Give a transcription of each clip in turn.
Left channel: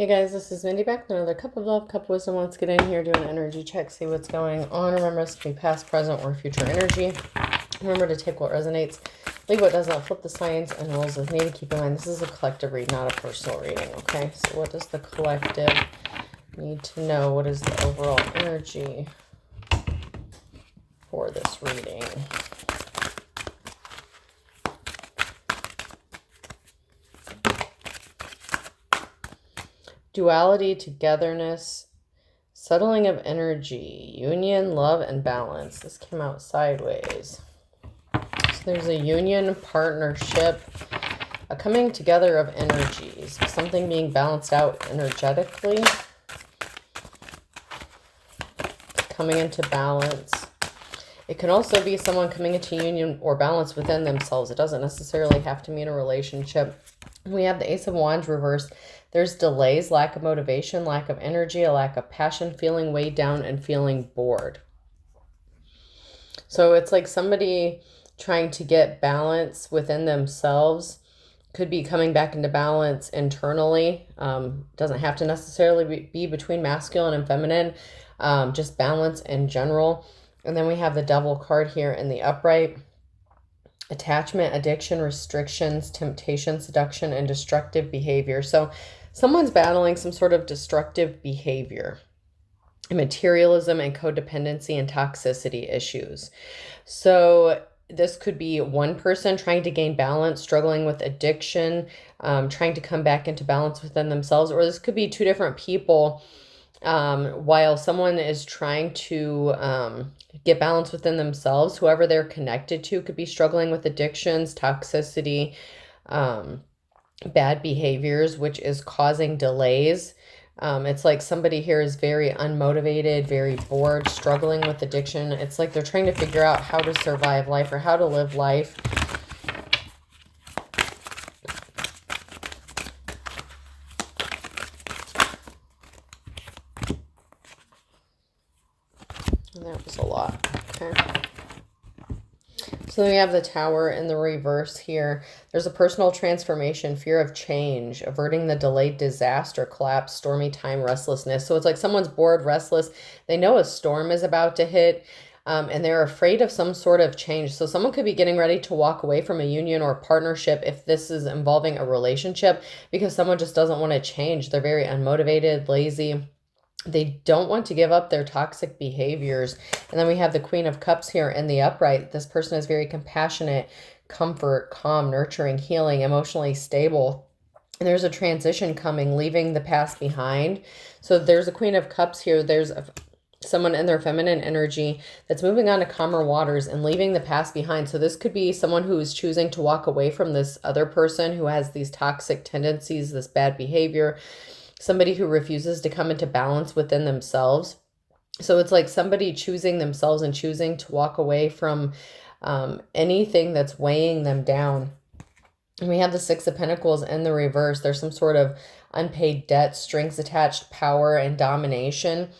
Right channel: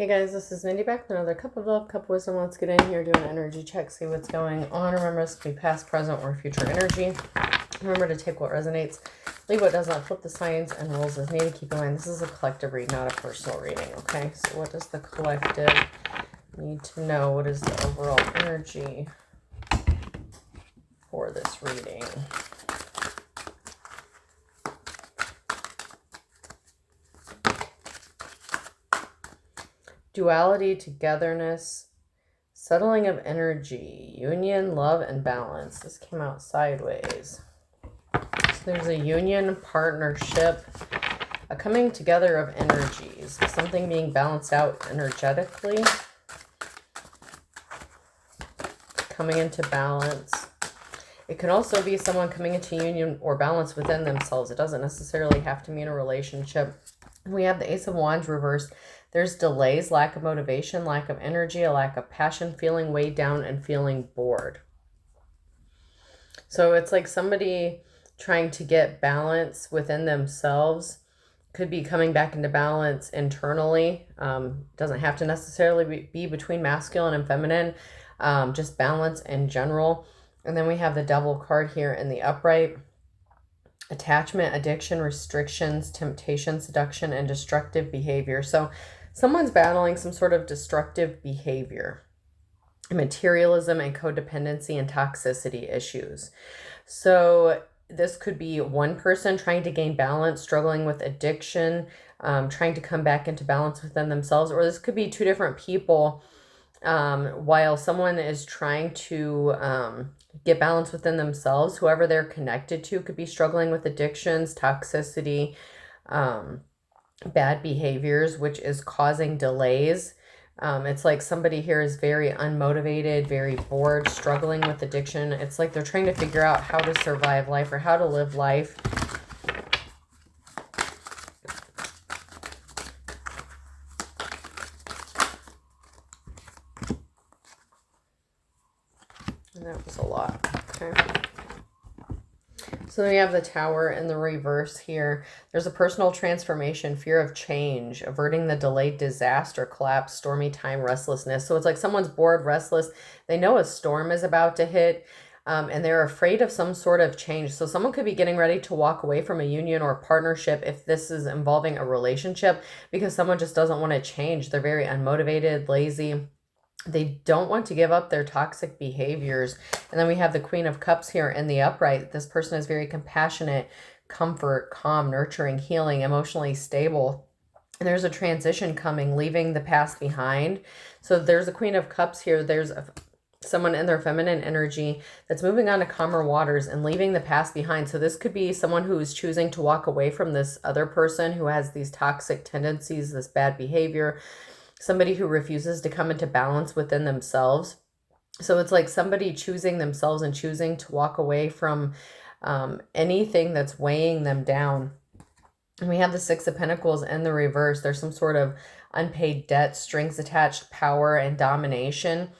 Hey guys, this is Mindy back with another cup of love, cup of wisdom. Let's get in here, do an energy check, see what's going on. Remember, this can be past, present, or future energy. Remember to take what resonates, leave what does not, flip the signs and rules as needed. Keep in mind, this is a collective read, not a personal reading, okay? So what does the collective need to know? What is the overall energy for this reading? Duality, togetherness, settling of energy, union, love, and balance. This came out sideways. So there's a union, partnership, a coming together of energies, something being balanced out energetically, coming into balance. It can also be someone coming into union or balance within themselves. It doesn't necessarily have to mean a relationship. We have the Ace of Wands reversed. There's delays, lack of motivation, lack of energy, a lack of passion, feeling weighed down, and feeling bored. So it's like somebody trying to get balance within themselves. Could be coming back into balance internally. Doesn't have to necessarily be between masculine and feminine. Just balance in general. And then we have the Devil card here in the upright. Attachment, addiction, restrictions, temptation, seduction, and destructive behavior. So someone's battling some sort of destructive behavior, materialism and codependency and toxicity issues. So this could be one person trying to gain balance, struggling with addiction, trying to come back into balance within themselves, or this could be two different people. While someone is trying to get balance within themselves, whoever they're connected to could be struggling with addictions, toxicity, bad behaviors, which is causing delays. It's like somebody here is very unmotivated, very bored, struggling with addiction. It's like they're trying to figure out how to survive life or how to live life. And that was a lot. Okay. So then we have the Tower in the reverse here. There's a personal transformation, fear of change, averting the delayed disaster, collapse, stormy time, restlessness. So it's like someone's bored, restless. They know a storm is about to hit, and they're afraid of some sort of change. So someone could be getting ready to walk away from a union or a partnership if this is involving a relationship, because someone just doesn't want to change. They're very unmotivated, lazy. They don't want to give up their toxic behaviors. And then we have the Queen of Cups here in the upright. This person is very compassionate, comfort, calm, nurturing, healing, emotionally stable. And there's a transition coming, leaving the past behind. So there's a Queen of Cups here. There's someone in their feminine energy that's moving on to calmer waters and leaving the past behind. So this could be someone who is choosing to walk away from this other person who has these toxic tendencies, this bad behavior, somebody who refuses to come into balance within themselves. So it's like somebody choosing themselves and choosing to walk away from anything that's weighing them down. And we have the Six of Pentacles in the reverse. There's some sort of unpaid debt, strings attached, power, and domination.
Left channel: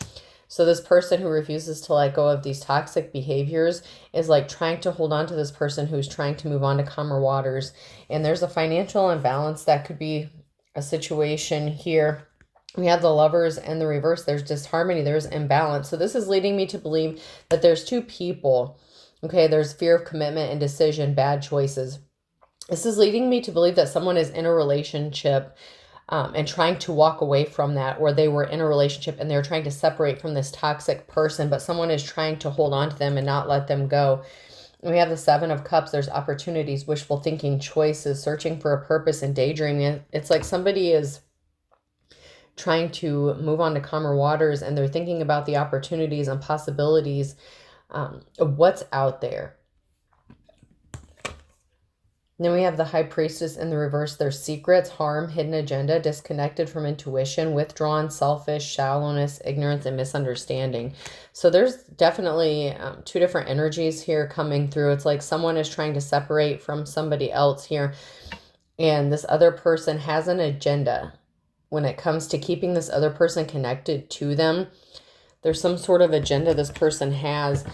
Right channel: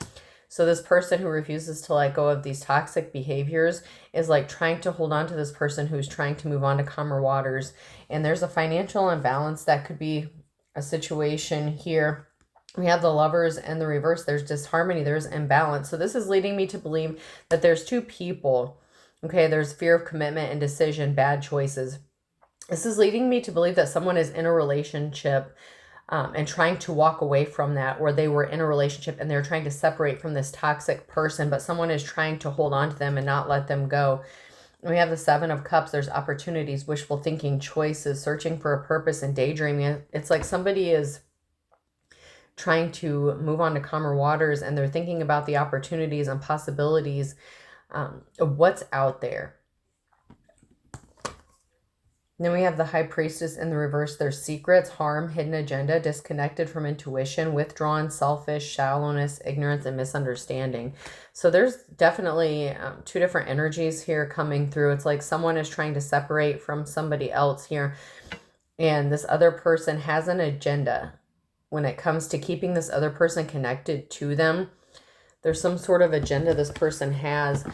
So this person who refuses to let go of these toxic behaviors is like trying to hold on to this person who's trying to move on to calmer waters. And there's a financial imbalance that could be a situation here. We have the Lovers and the reverse. There's disharmony. There's imbalance. So this is leading me to believe that there's two people. Okay, there's fear of commitment, indecision, bad choices. This is leading me to believe that someone is in a relationship and trying to walk away from that, or they were in a relationship and they're trying to separate from this toxic person, but someone is trying to hold on to them and not let them go. We have the Seven of Cups. There's opportunities, wishful thinking, choices, searching for a purpose, and daydreaming. It's like somebody is trying to move on to calmer waters and they're thinking about the opportunities and possibilities of what's out there. Then we have the High Priestess in the reverse. There's secrets, harm, hidden agenda, disconnected from intuition, withdrawn, selfish, shallowness, ignorance, and misunderstanding. So there's definitely two different energies here coming through. It's like someone is trying to separate from somebody else here, and this other person has an agenda when it comes to keeping this other person connected to them. There's some sort of agenda this person has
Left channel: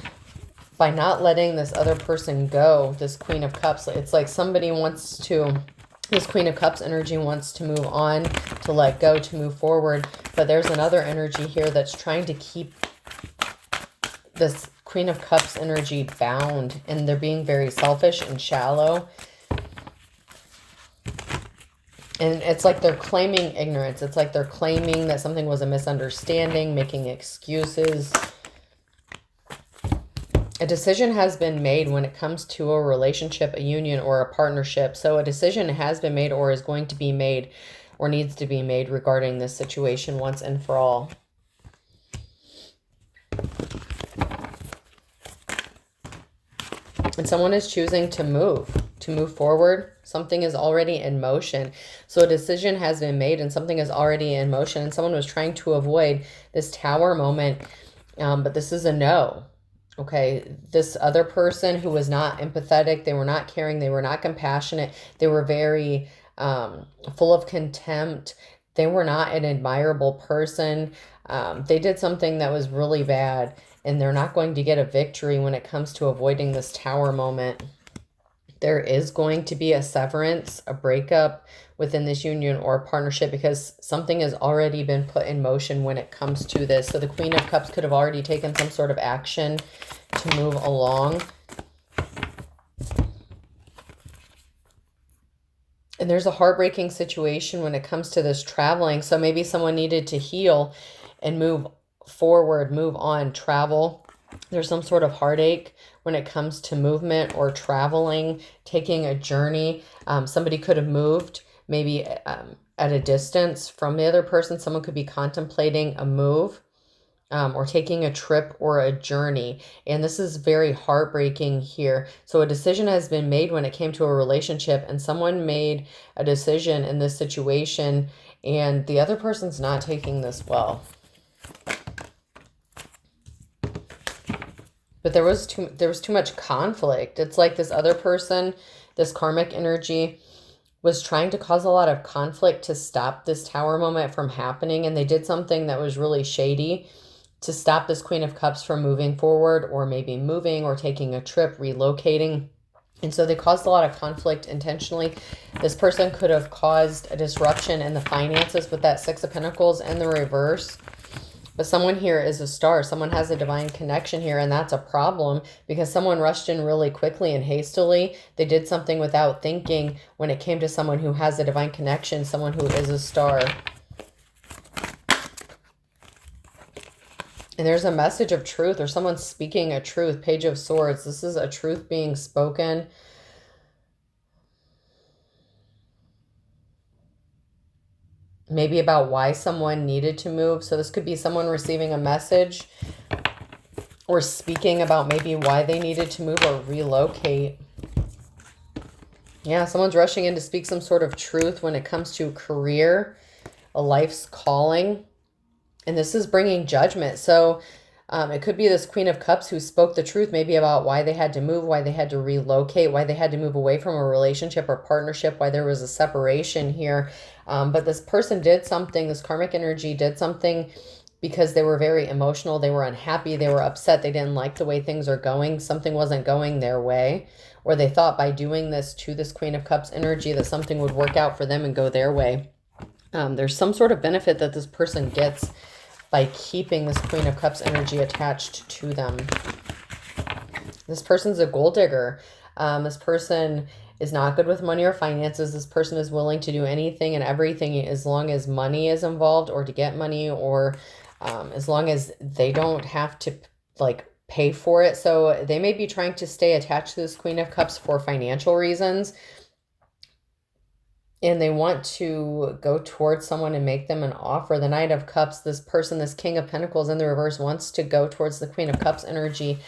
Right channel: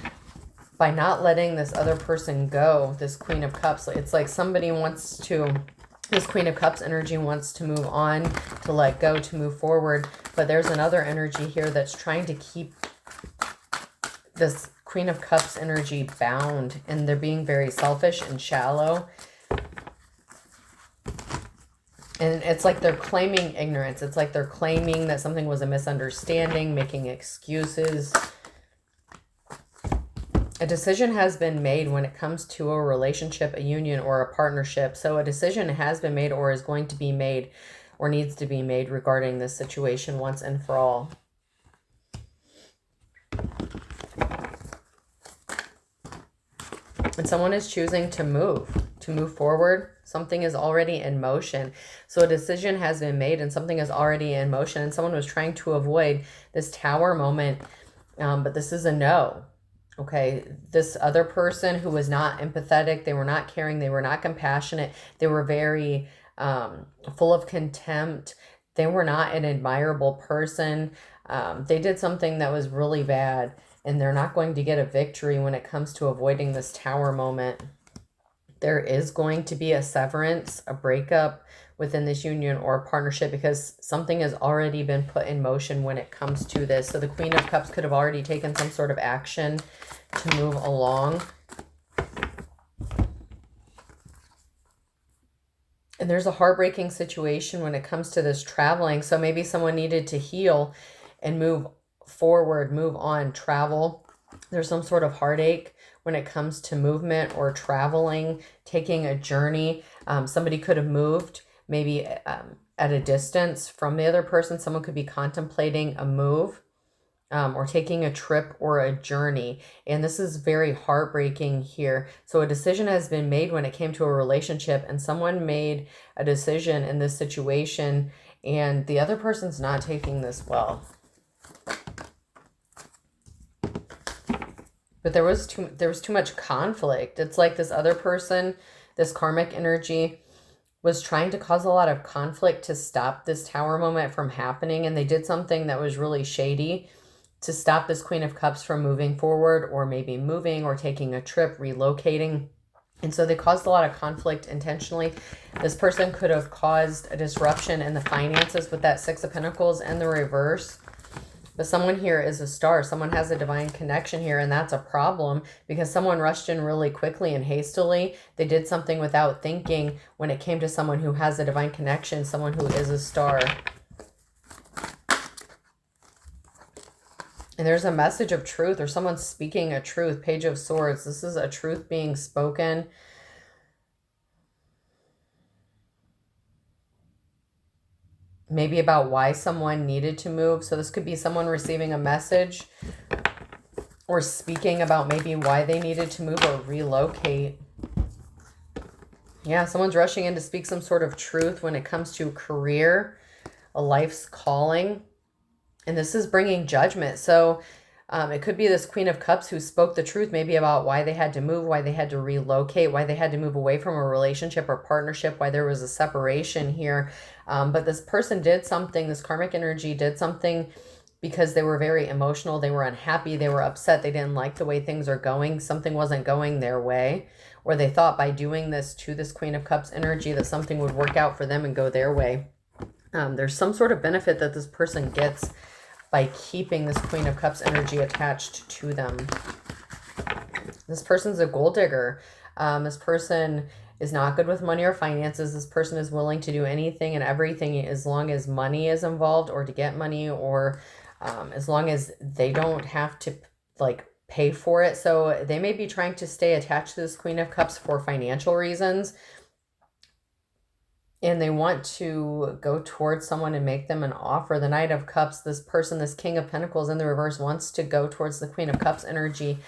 by not letting this other person go, this Queen of Cups. It's like somebody wants to This Queen of Cups energy wants to move on, to let go, to move forward. But there's another energy here that's trying to keep this Queen of Cups energy bound, and they're being very selfish and shallow. And it's like they're claiming ignorance. It's like they're claiming that something was a misunderstanding, making excuses. A decision has been made when it comes to a relationship, a union, or a partnership. So a decision has been made or is going to be made or needs to be made regarding this situation once and for all. And someone is choosing to move forward. Something is already in motion. So a decision has been made and something is already in motion. And someone was trying to avoid this Tower moment, but this is a no. Okay, this other person who was not empathetic, they were not caring, they were not compassionate, they were very full of contempt, they were not an admirable person. They did something that was really bad, and they're not going to get a victory when it comes to avoiding this Tower moment. There is going to be a severance, a breakup within this union or partnership, because something has already been put in motion when it comes to this. So the Queen of Cups could have already taken some sort of action to move along. And there's a heartbreaking situation when it comes to this traveling. So maybe someone needed to heal and move forward, move on, travel. There's some sort of heartache when it comes to movement or traveling, taking a journey. Somebody could have moved maybe at a distance from the other person. Someone could be contemplating a move or taking a trip or a journey. And this is very heartbreaking here. So a decision has been made when it came to a relationship, and someone made a decision in this situation, and the other person's not taking this well. But there was too much conflict. It's like this other person, this karmic energy, was trying to cause a lot of conflict to stop this Tower moment from happening. And they did something that was really shady to stop this Queen of Cups from moving forward, or maybe moving or taking a trip, relocating. And so they caused a lot of conflict intentionally. This person could have caused a disruption in the finances with that Six of Pentacles and the reverse. But someone here is a star. Someone has a divine connection here, and that's a problem because someone rushed in really quickly and hastily. They did something without thinking when it came to someone who has a divine connection, someone who is a star. And there's a message of truth, or someone's speaking a truth. Page of Swords. This is a truth being spoken. Maybe about why someone needed to move. So this could be someone receiving a message or speaking about maybe why they needed to move or relocate. Yeah, someone's rushing in to speak some sort of truth when it comes to career, a life's calling. And this is bringing judgment. So it could be this Queen of Cups who spoke the truth, maybe about why they had to move, why they had to relocate, why they had to move away from a relationship or partnership, why there was a separation here. But this person did something, this karmic energy did something because they were very emotional. They were unhappy. They were upset. They didn't like the way things are going. Something wasn't going their way. Or they thought by doing this to this Queen of Cups energy that something would work out for them and go their way. There's some sort of benefit that this person gets by keeping this Queen of Cups energy attached to them. This person's a gold digger. This person is not good with money or finances. This person is willing to do anything and everything as long as money is involved, or to get money, or as long as they don't have to like pay for it. So they may be trying to stay attached to this Queen of Cups for financial reasons. And they want to go towards someone and make them an offer. The Knight of Cups, this person, this King of Pentacles in the reverse, wants to go towards the Queen of Cups energy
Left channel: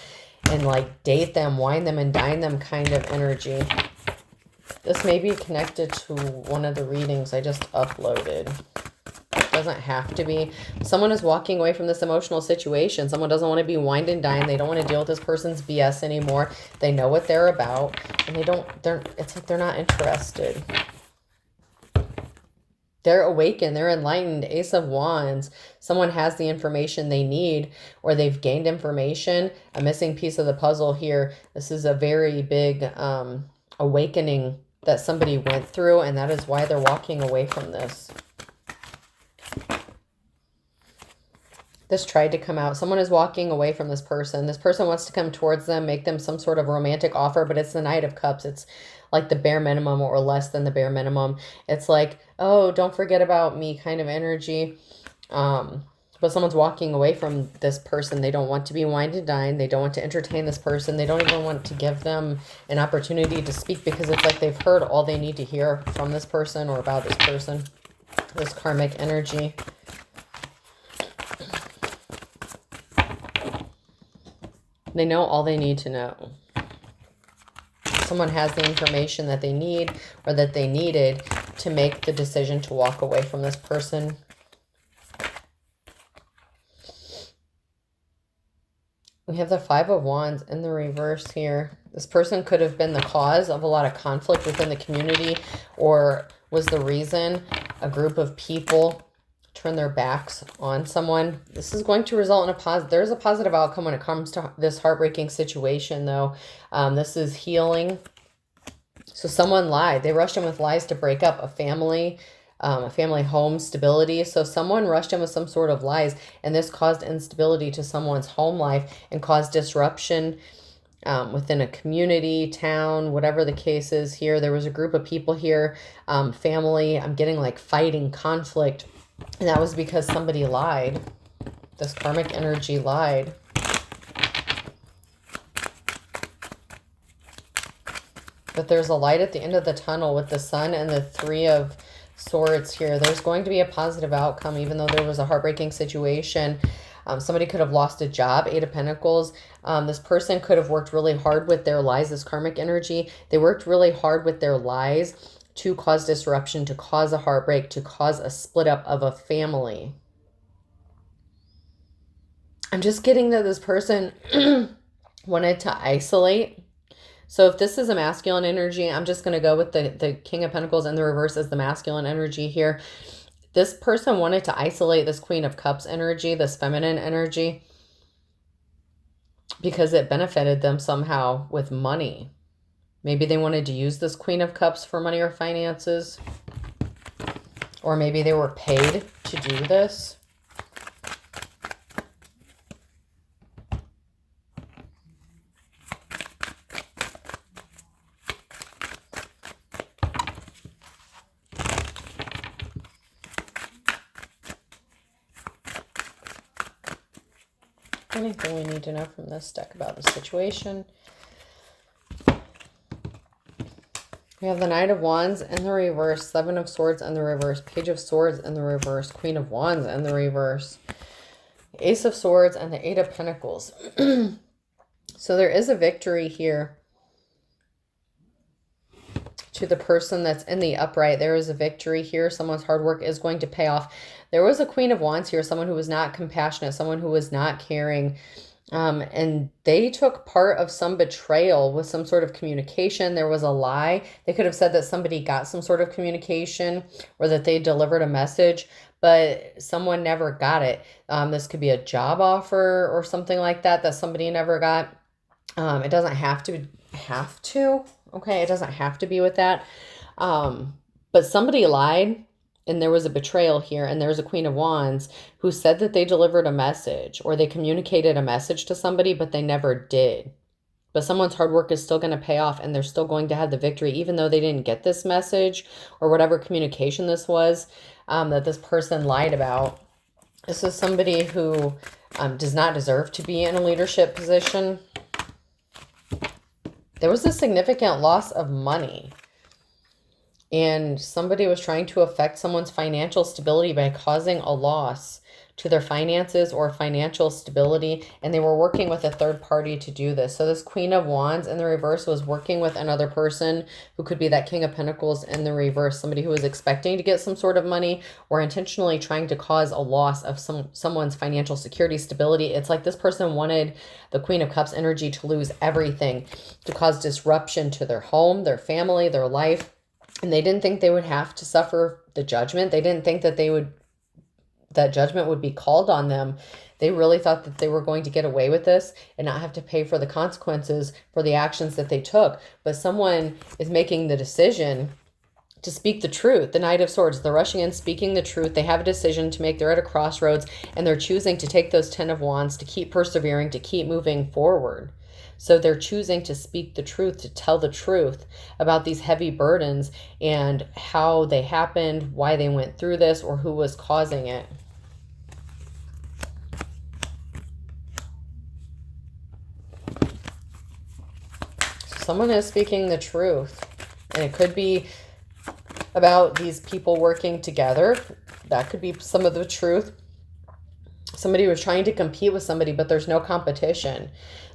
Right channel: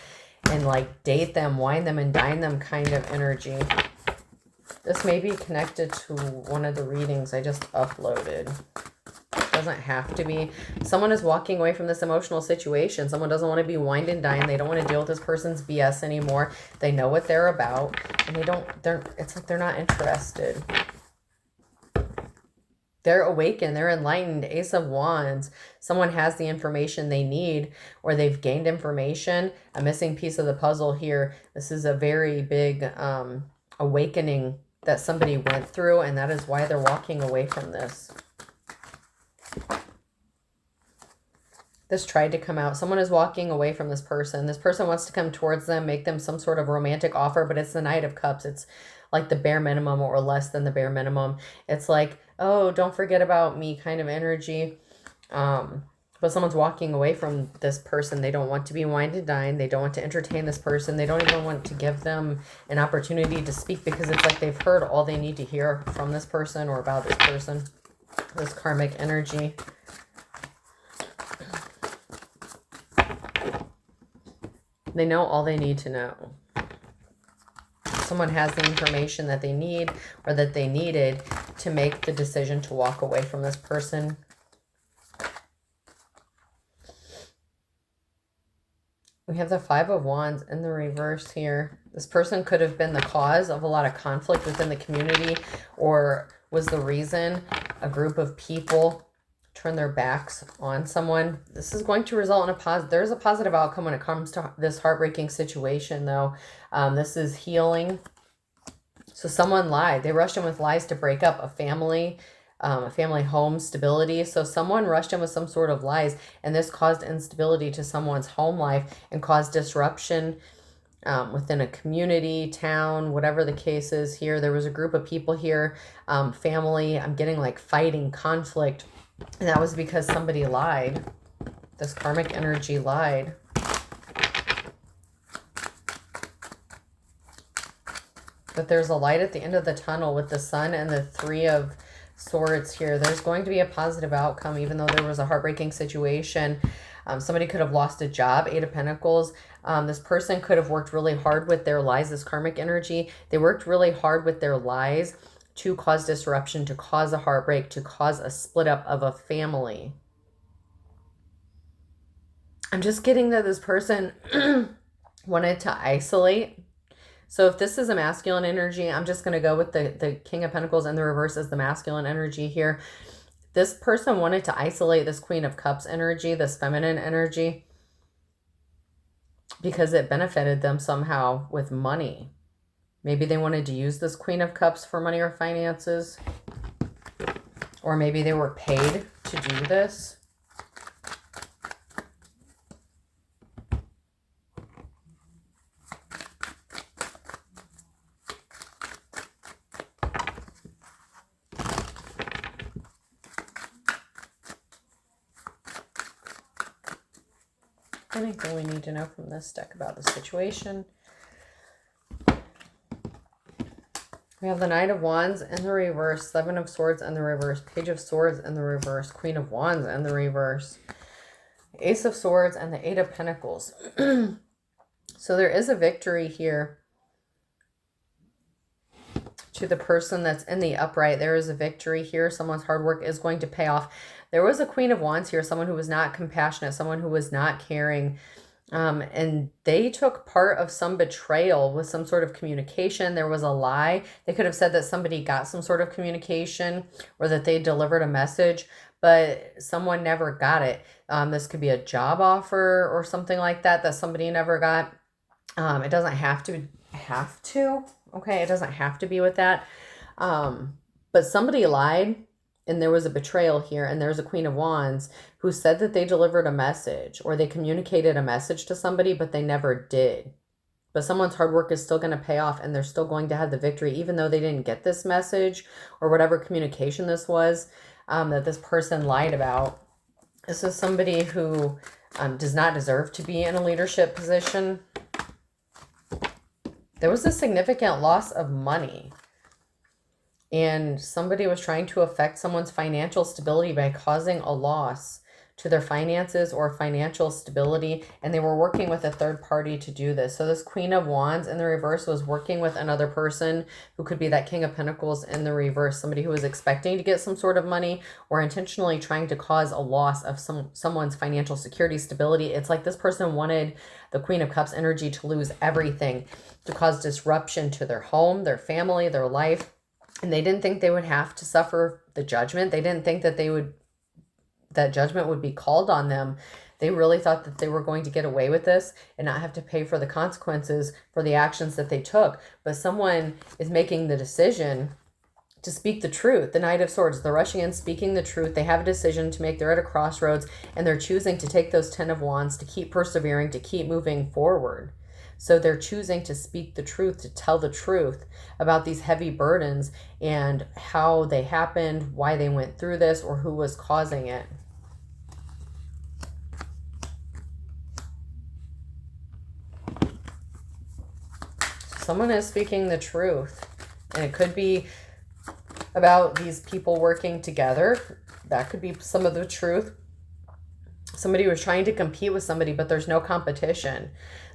and like date them, wine them, and dine them kind of energy. This may be connected to one of the readings I just uploaded. It doesn't have to be. Someone is walking away from this emotional situation. Someone doesn't want to be wined and dined. They don't want to deal with this person's BS anymore. They know what they're about, and it's like they're not interested. They're awakened, they're enlightened. Ace of Wands. Someone has the information they need, or they've gained information. A missing piece of the puzzle here. This is a very big awakening that somebody went through, and that is why they're walking away from this. This tried to come out. Someone is walking away from this person. This person wants to come towards them, make them some sort of romantic offer, but it's the Knight of Cups. It's like the bare minimum or less than the bare minimum. It's like, oh, don't forget about me kind of energy. But someone's walking away from this person. They don't want to be wined and dined. They don't want to entertain this person. They don't even want to give them an opportunity to speak, because it's like they've heard all they need to hear from this person or about this person. This karmic energy. They know all they need to know. Someone has the information that they need or that they needed to make the decision to walk away from this person. We have the Five of Wands in the reverse here. This person could have been the cause of a lot of conflict within the community, or was the reason a group of people turn their backs on someone. This is going to result in there's a positive outcome when it comes to this heartbreaking situation, though. This is healing. So someone lied. They rushed in with lies to break up a family home stability. So someone rushed in with some sort of lies, and this caused instability to someone's home life and caused disruption within a community, town, whatever the case is here. There was a group of people here, family, I'm getting like fighting, conflict, and that was because somebody lied. This karmic energy lied. But there's a light at the end of the tunnel with the Sun and the Three of Swords here. There's going to be a positive outcome, even though there was a heartbreaking situation. Somebody could have lost a job. Eight of Pentacles. This person could have worked really hard with their lies. This karmic energy, they worked really hard with their lies to cause disruption, to cause a heartbreak, to cause a split up of a family. I'm just getting that this person wanted to isolate. So if this is a masculine energy, I'm just going to go with the King of Pentacles in the reverse as the masculine energy here. This person wanted to isolate this Queen of Cups energy, this feminine energy, because it benefited them somehow with money. Maybe they wanted to use this Queen of Cups for money or finances. Or maybe they were paid to do this. Anything we need to know from this deck about the situation? We have the Knight of Wands in the reverse, Seven of Swords in the reverse, Page of Swords in the reverse, Queen of Wands in the reverse, Ace of Swords, and the Eight of Pentacles. So there is a victory here to the person that's in the upright. There is a victory here. Someone's hard work is going to pay off. There was a Queen of Wands here, someone who was not compassionate, someone who was not caring. And they took part of some betrayal with some sort of communication. There was a lie. They could have said that somebody got some sort of communication or that they delivered a message, but someone never got it. This could be a job offer or something like that that somebody never got. It doesn't have to. Okay, it doesn't have to be with that. But somebody lied. And there was a betrayal here, and there's a Queen of Wands who said that they delivered a message or they communicated a message to somebody, but they never did. But someone's hard work is still going to pay off, and they're still going to have the victory, even though they didn't get this message or whatever communication this was that this person lied about. This is somebody who does not deserve to be in a leadership position. There was a significant loss of money. And somebody was trying to affect someone's financial stability by causing a loss to their finances or financial stability. And they were working with a third party to do this. So this Queen of Wands in the reverse was working with another person who could be that King of Pentacles in the reverse. Somebody who was expecting to get some sort of money or intentionally trying to cause a loss of someone's financial security, stability. It's like this person wanted the Queen of Cups energy to lose everything, to cause disruption to their home, their family, their life. And they didn't think they would have to suffer the judgment. They didn't think that that judgment would be called on them. They really thought that they were going to get away with this and not have to pay for the consequences for the actions that they took. But someone is making the decision to speak the truth. The Knight of Swords, they're rushing in, speaking the truth. They have a decision to make. They're at a crossroads, and they're choosing to take those Ten of Wands, to keep persevering, to keep moving forward. So they're choosing to speak the truth, to tell the truth about these heavy burdens and how they happened, why they went through this, or who was causing it. Someone is speaking the truth, and it could be about these people working together. That could be some of the truth. Somebody was trying to compete with somebody, but there's no competition.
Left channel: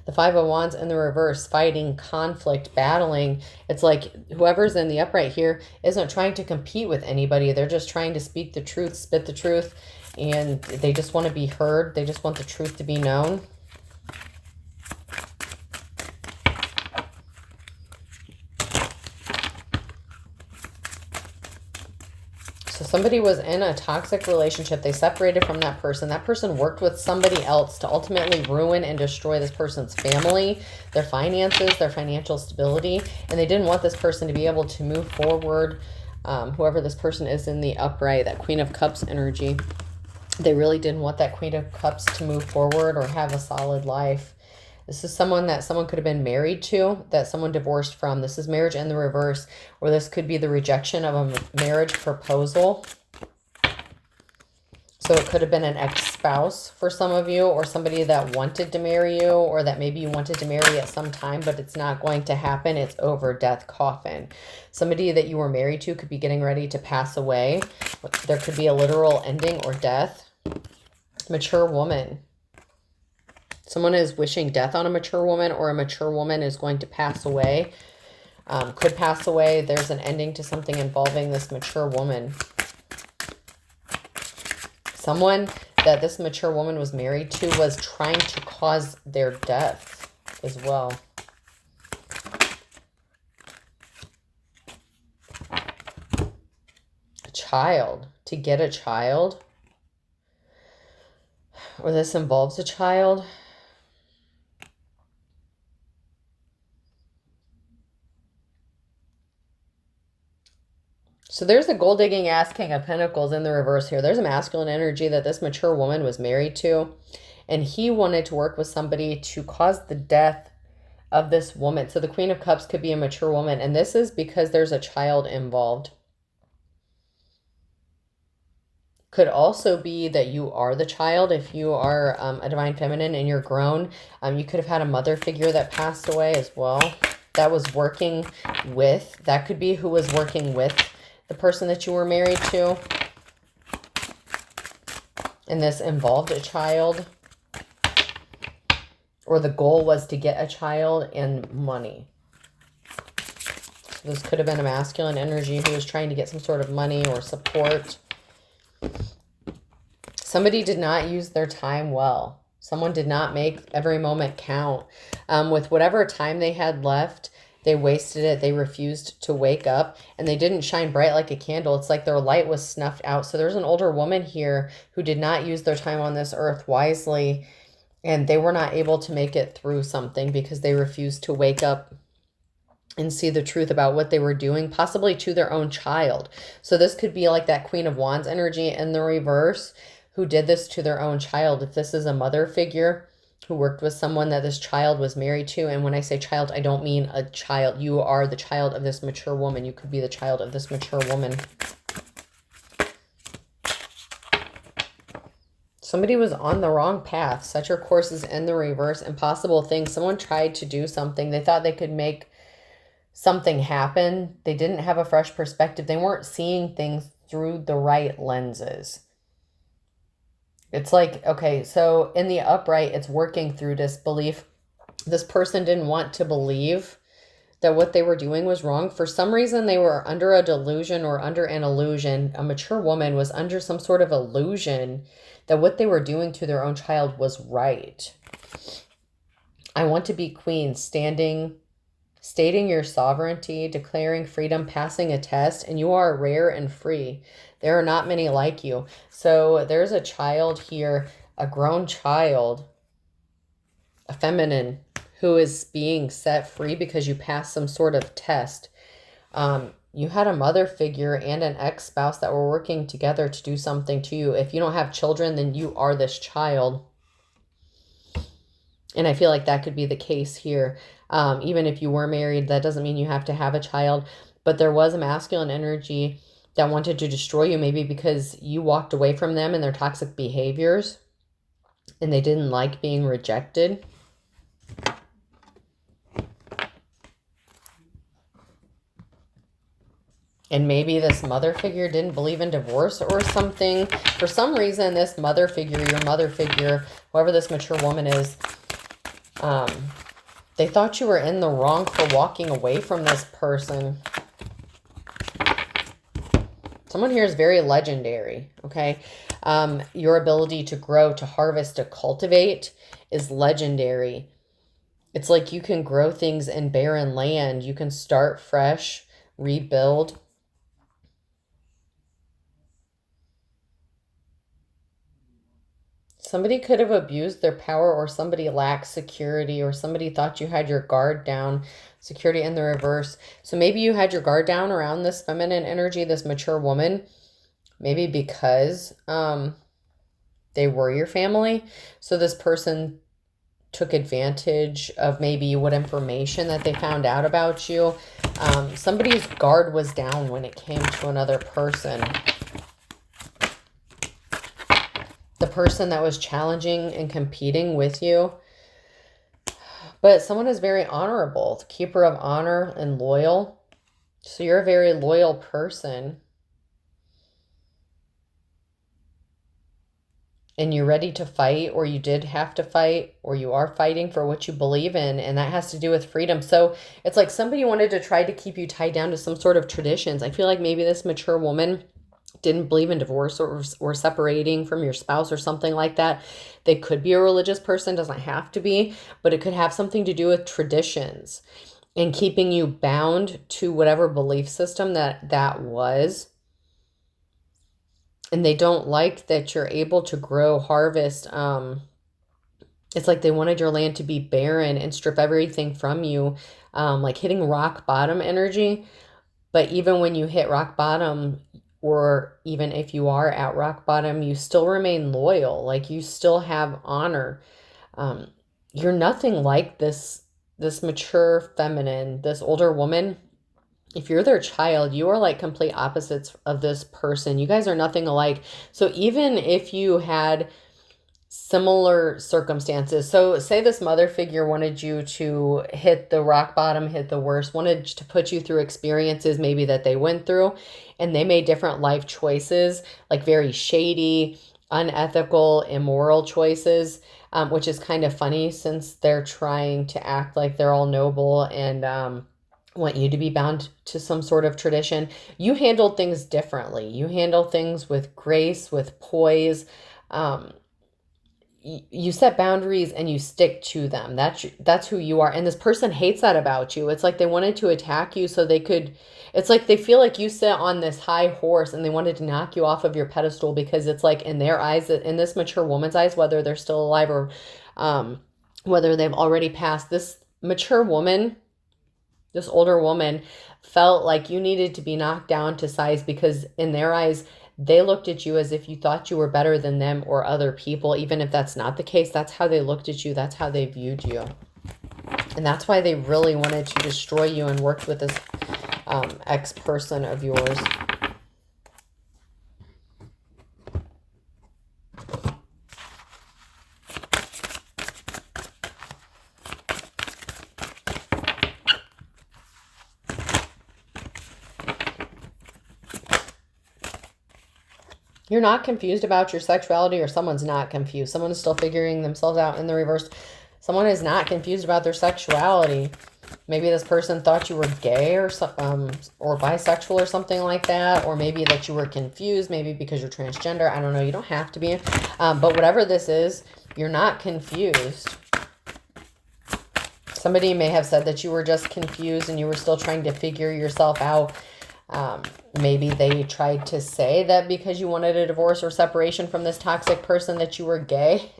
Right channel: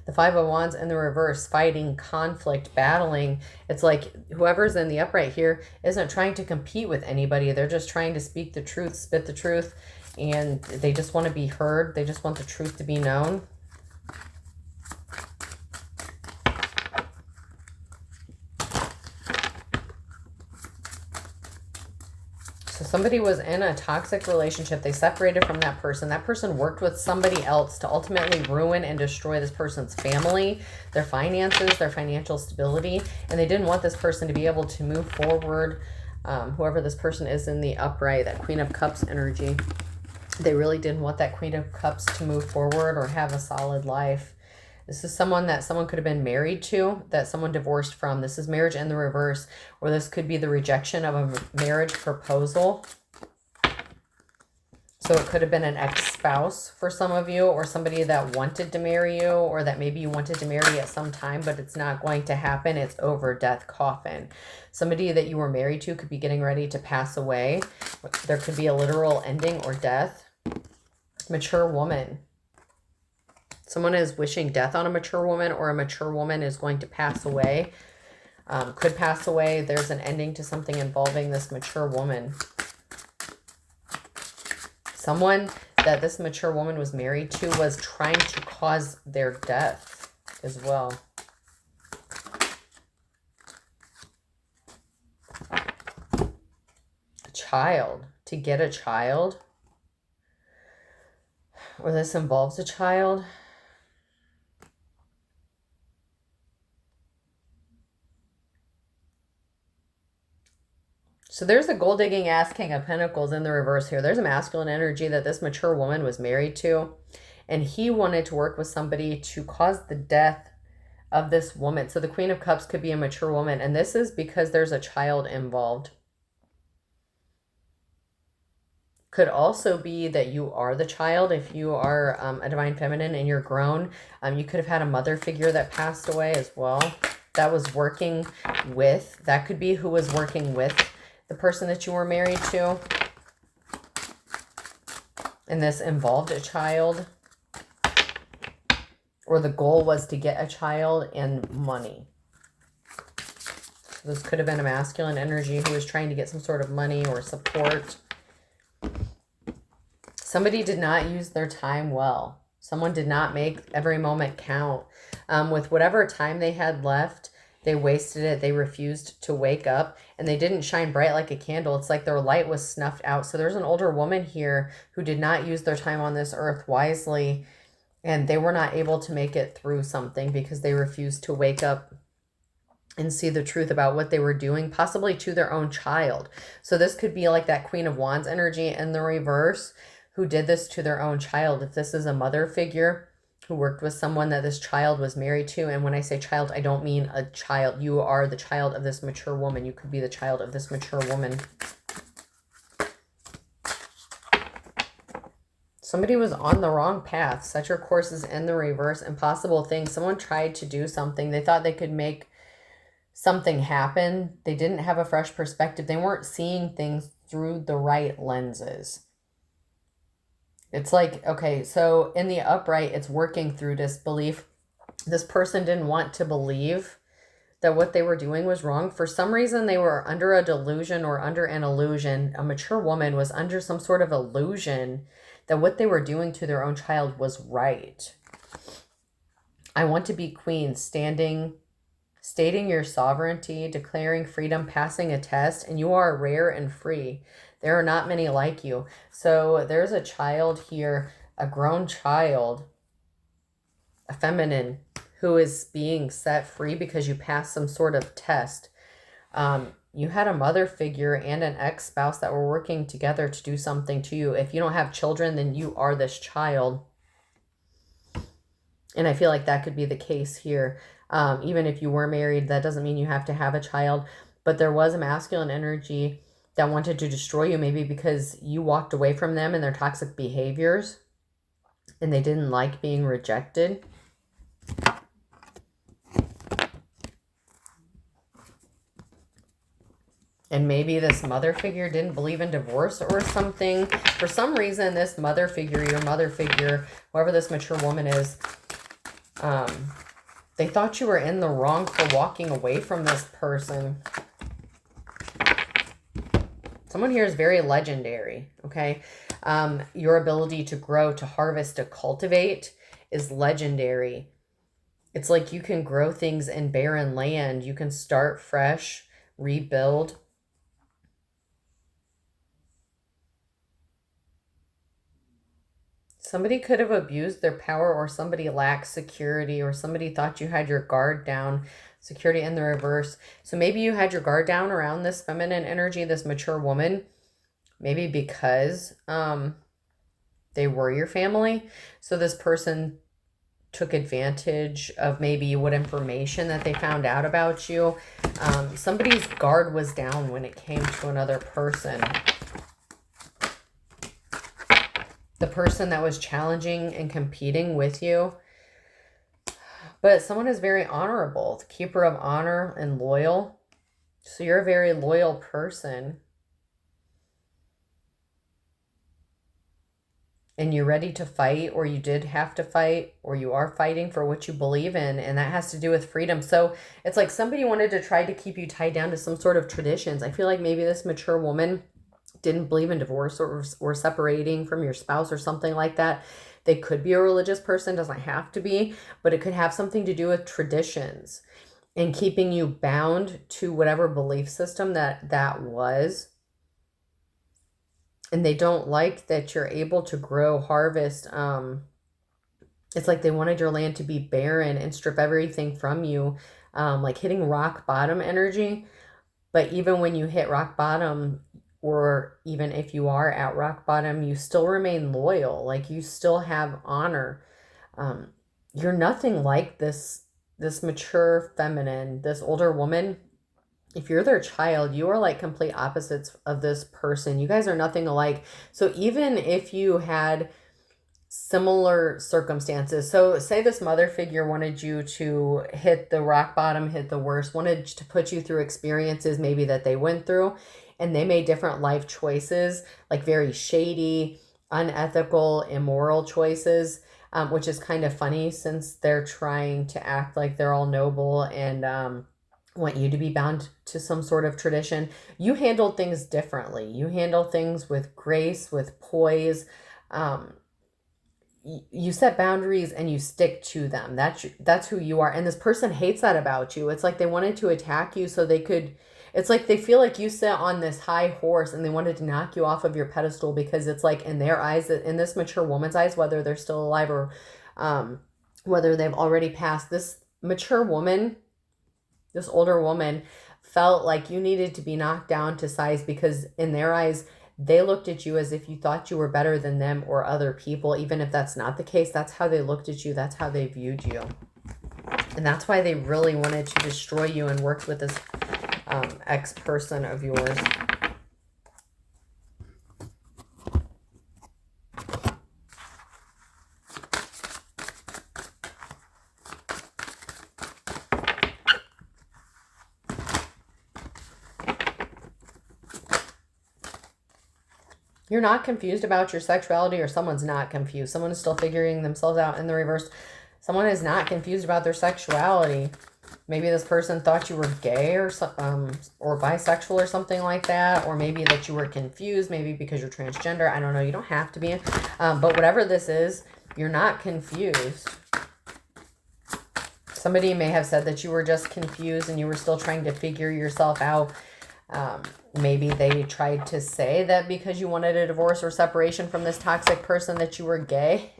The Five of Wands in the reverse, fighting, conflict, battling. It's like whoever's in the upright here isn't trying to compete with anybody. They're just trying to speak the truth, spit the truth, and they just want to be heard. They just want the truth to be known. So somebody was in a toxic relationship. They separated from that person. That person worked with somebody else to ultimately ruin and destroy this person's family, their finances, their financial stability. And they didn't want this person to be able to move forward. Whoever this person is in the upright, that Queen of Cups energy, they really didn't want that Queen of Cups to move forward or have a solid life. This is someone that someone could have been married to, that someone divorced from. This is marriage in the reverse, or this could be the rejection of a marriage proposal. So it could have been an ex-spouse for some of you, or somebody that wanted to marry you, or that maybe you wanted to marry at some time, but it's not going to happen. It's over, death, coffin. Somebody that you were married to could be getting ready to pass away. There could be a literal ending or death. Mature woman. Someone is wishing death on a mature woman, or a mature woman is going to pass away. Could pass away. There's an ending to something involving this mature woman. Someone that this mature woman was married to was trying to cause their death as well. A child. To get a child. Or this involves a child. So there's a gold digging ass King of Pentacles in the reverse here. There's a masculine energy that this mature woman was married to, and he wanted to work with somebody to cause the death of this woman. So the Queen of Cups could be a mature woman, and this is because there's a child involved. Could also be that you are the child. If you are a divine feminine and you're grown, you could have had a mother figure that passed away as well. That was working with, that could be who was working with the person that you were married to. And this involved a child. Or the goal was to get a child and money. So this could have been a masculine energy who was trying to get some sort of money or support. Somebody did not use their time well. Someone did not make every moment count. With whatever time they had left, they wasted it. They refused to wake up, and they didn't shine bright like a candle. It's like their light was snuffed out. So there's an older woman here who did not use their time on this earth wisely, and they were not able to make it through something because they refused to wake up and see the truth about what they were doing, possibly to their own child. So this could be like that Queen of Wands energy in the reverse, who did this to their own child. If this is a mother figure who worked with someone that this child was married to, and when I say child, I don't mean a child. You are the child of this mature woman. You could be the child of this mature woman. Somebody was on the wrong path. Set your courses in the reverse. Impossible things. Someone tried to do something. They thought they could make something happen. They didn't have a fresh perspective. They weren't seeing things through the right lenses. It's like, okay, so in the upright, it's working through disbelief. This person didn't want to believe that what they were doing was wrong. For some reason, they were under a delusion or under an illusion. A mature woman was under some sort of illusion that what they were doing to their own child was right. I want to be queen, stating your sovereignty, declaring freedom, passing a test, and you are rare and free. There are not many like you. So there's a child here a grown child, a feminine who is being set free because you passed some sort of test. You had a mother figure and an ex-spouse that were working together to do something to you. If you don't have children, then you are this child. And I feel like that could be the case here. Even if you were married, that doesn't mean you have to have a child. But there was a masculine energy that wanted to destroy you, maybe because you walked away from them and their toxic behaviors, and they didn't like being rejected. And maybe this mother figure didn't believe in divorce or something. For some reason, this mother figure, your mother figure, whoever this mature woman is, they thought you were in the wrong for walking away from this person. Someone here is very legendary, okay? Your ability to grow, to harvest, to cultivate is legendary. It's like you can grow things in barren land. You can start fresh, rebuild. Somebody could have abused their power, or somebody lacked security, or somebody thought you had your guard down. Security in the reverse. So maybe you had your guard down around this feminine energy, this mature woman, maybe because they were your family. So this person took advantage of maybe what information that they found out about you. Somebody's guard was down when it came to another person. The person that was challenging and competing with you. But someone is very honorable, the keeper of honor and loyal. So you're a very loyal person. And you're ready to fight, or you did have to fight, or you are fighting for what you believe in. And that has to do with freedom. So it's like somebody wanted to try to keep you tied down to some sort of traditions. I feel like maybe this mature woman didn't believe in divorce or separating from your spouse or something like that. They could be a religious person, doesn't have to be, but it could have something to do with traditions and keeping you bound to whatever belief system that was. And they don't like that you're able to grow, harvest. It's like they wanted your land to be barren and strip everything from you, like hitting rock bottom energy. But even when you hit rock bottom, or even if you are at rock bottom, you still remain loyal. Like you still have honor. You're nothing like this mature feminine, this older woman. If you're their child, you are like complete opposites of this person. You guys are nothing alike. So even if you had similar circumstances, so say this mother figure wanted you to hit the rock bottom, hit the worst, wanted to put you through experiences maybe that they went through, and they made different life choices, like very shady, unethical, immoral choices, which is kind of funny since they're trying to act like they're all noble and want you to be bound to some sort of tradition. You handled things differently. You handle things with grace, with poise. You set boundaries and you stick to them. That's who you are. And this person hates that about you. It's like they wanted to attack you so they could, it's like they feel like you sit on this high horse and they wanted to knock you off of your pedestal, because it's like in their eyes, in this mature woman's eyes, whether they're still alive or whether they've already passed, this mature woman, this older woman felt like you needed to be knocked down to size, because in their eyes, they looked at you as if you thought you were better than them or other people. Even if that's not the case, that's how they looked at you. That's how they viewed you. And that's why they really wanted to destroy you and worked with this ex-person of yours. You're not confused about your sexuality, or someone's not confused. Someone is still figuring themselves out in the reverse. Someone is not confused about their sexuality. Maybe this person thought you were gay or bisexual or something like that. Or maybe that you were confused, maybe because you're transgender. I don't know. You don't have to be. But whatever this is, you're not confused. Somebody may have said that you were just confused and you were still trying to figure yourself out. Maybe they tried to say that because you wanted a divorce or separation from this toxic person that you were gay.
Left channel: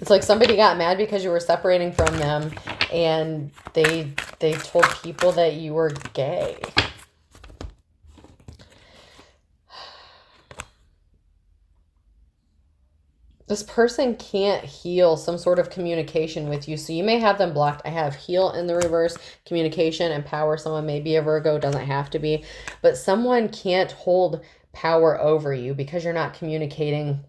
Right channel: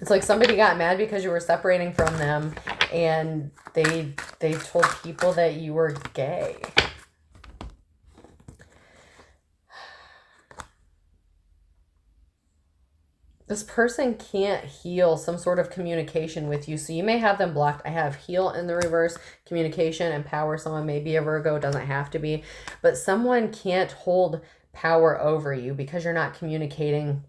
It's like somebody got mad because you were separating from them and they told people that you were gay. This person can't heal some sort of communication with you. So you may have them blocked. I have heal in the reverse, communication and power. Someone may be a Virgo, doesn't have to be. But someone can't hold power over you because you're not communicating,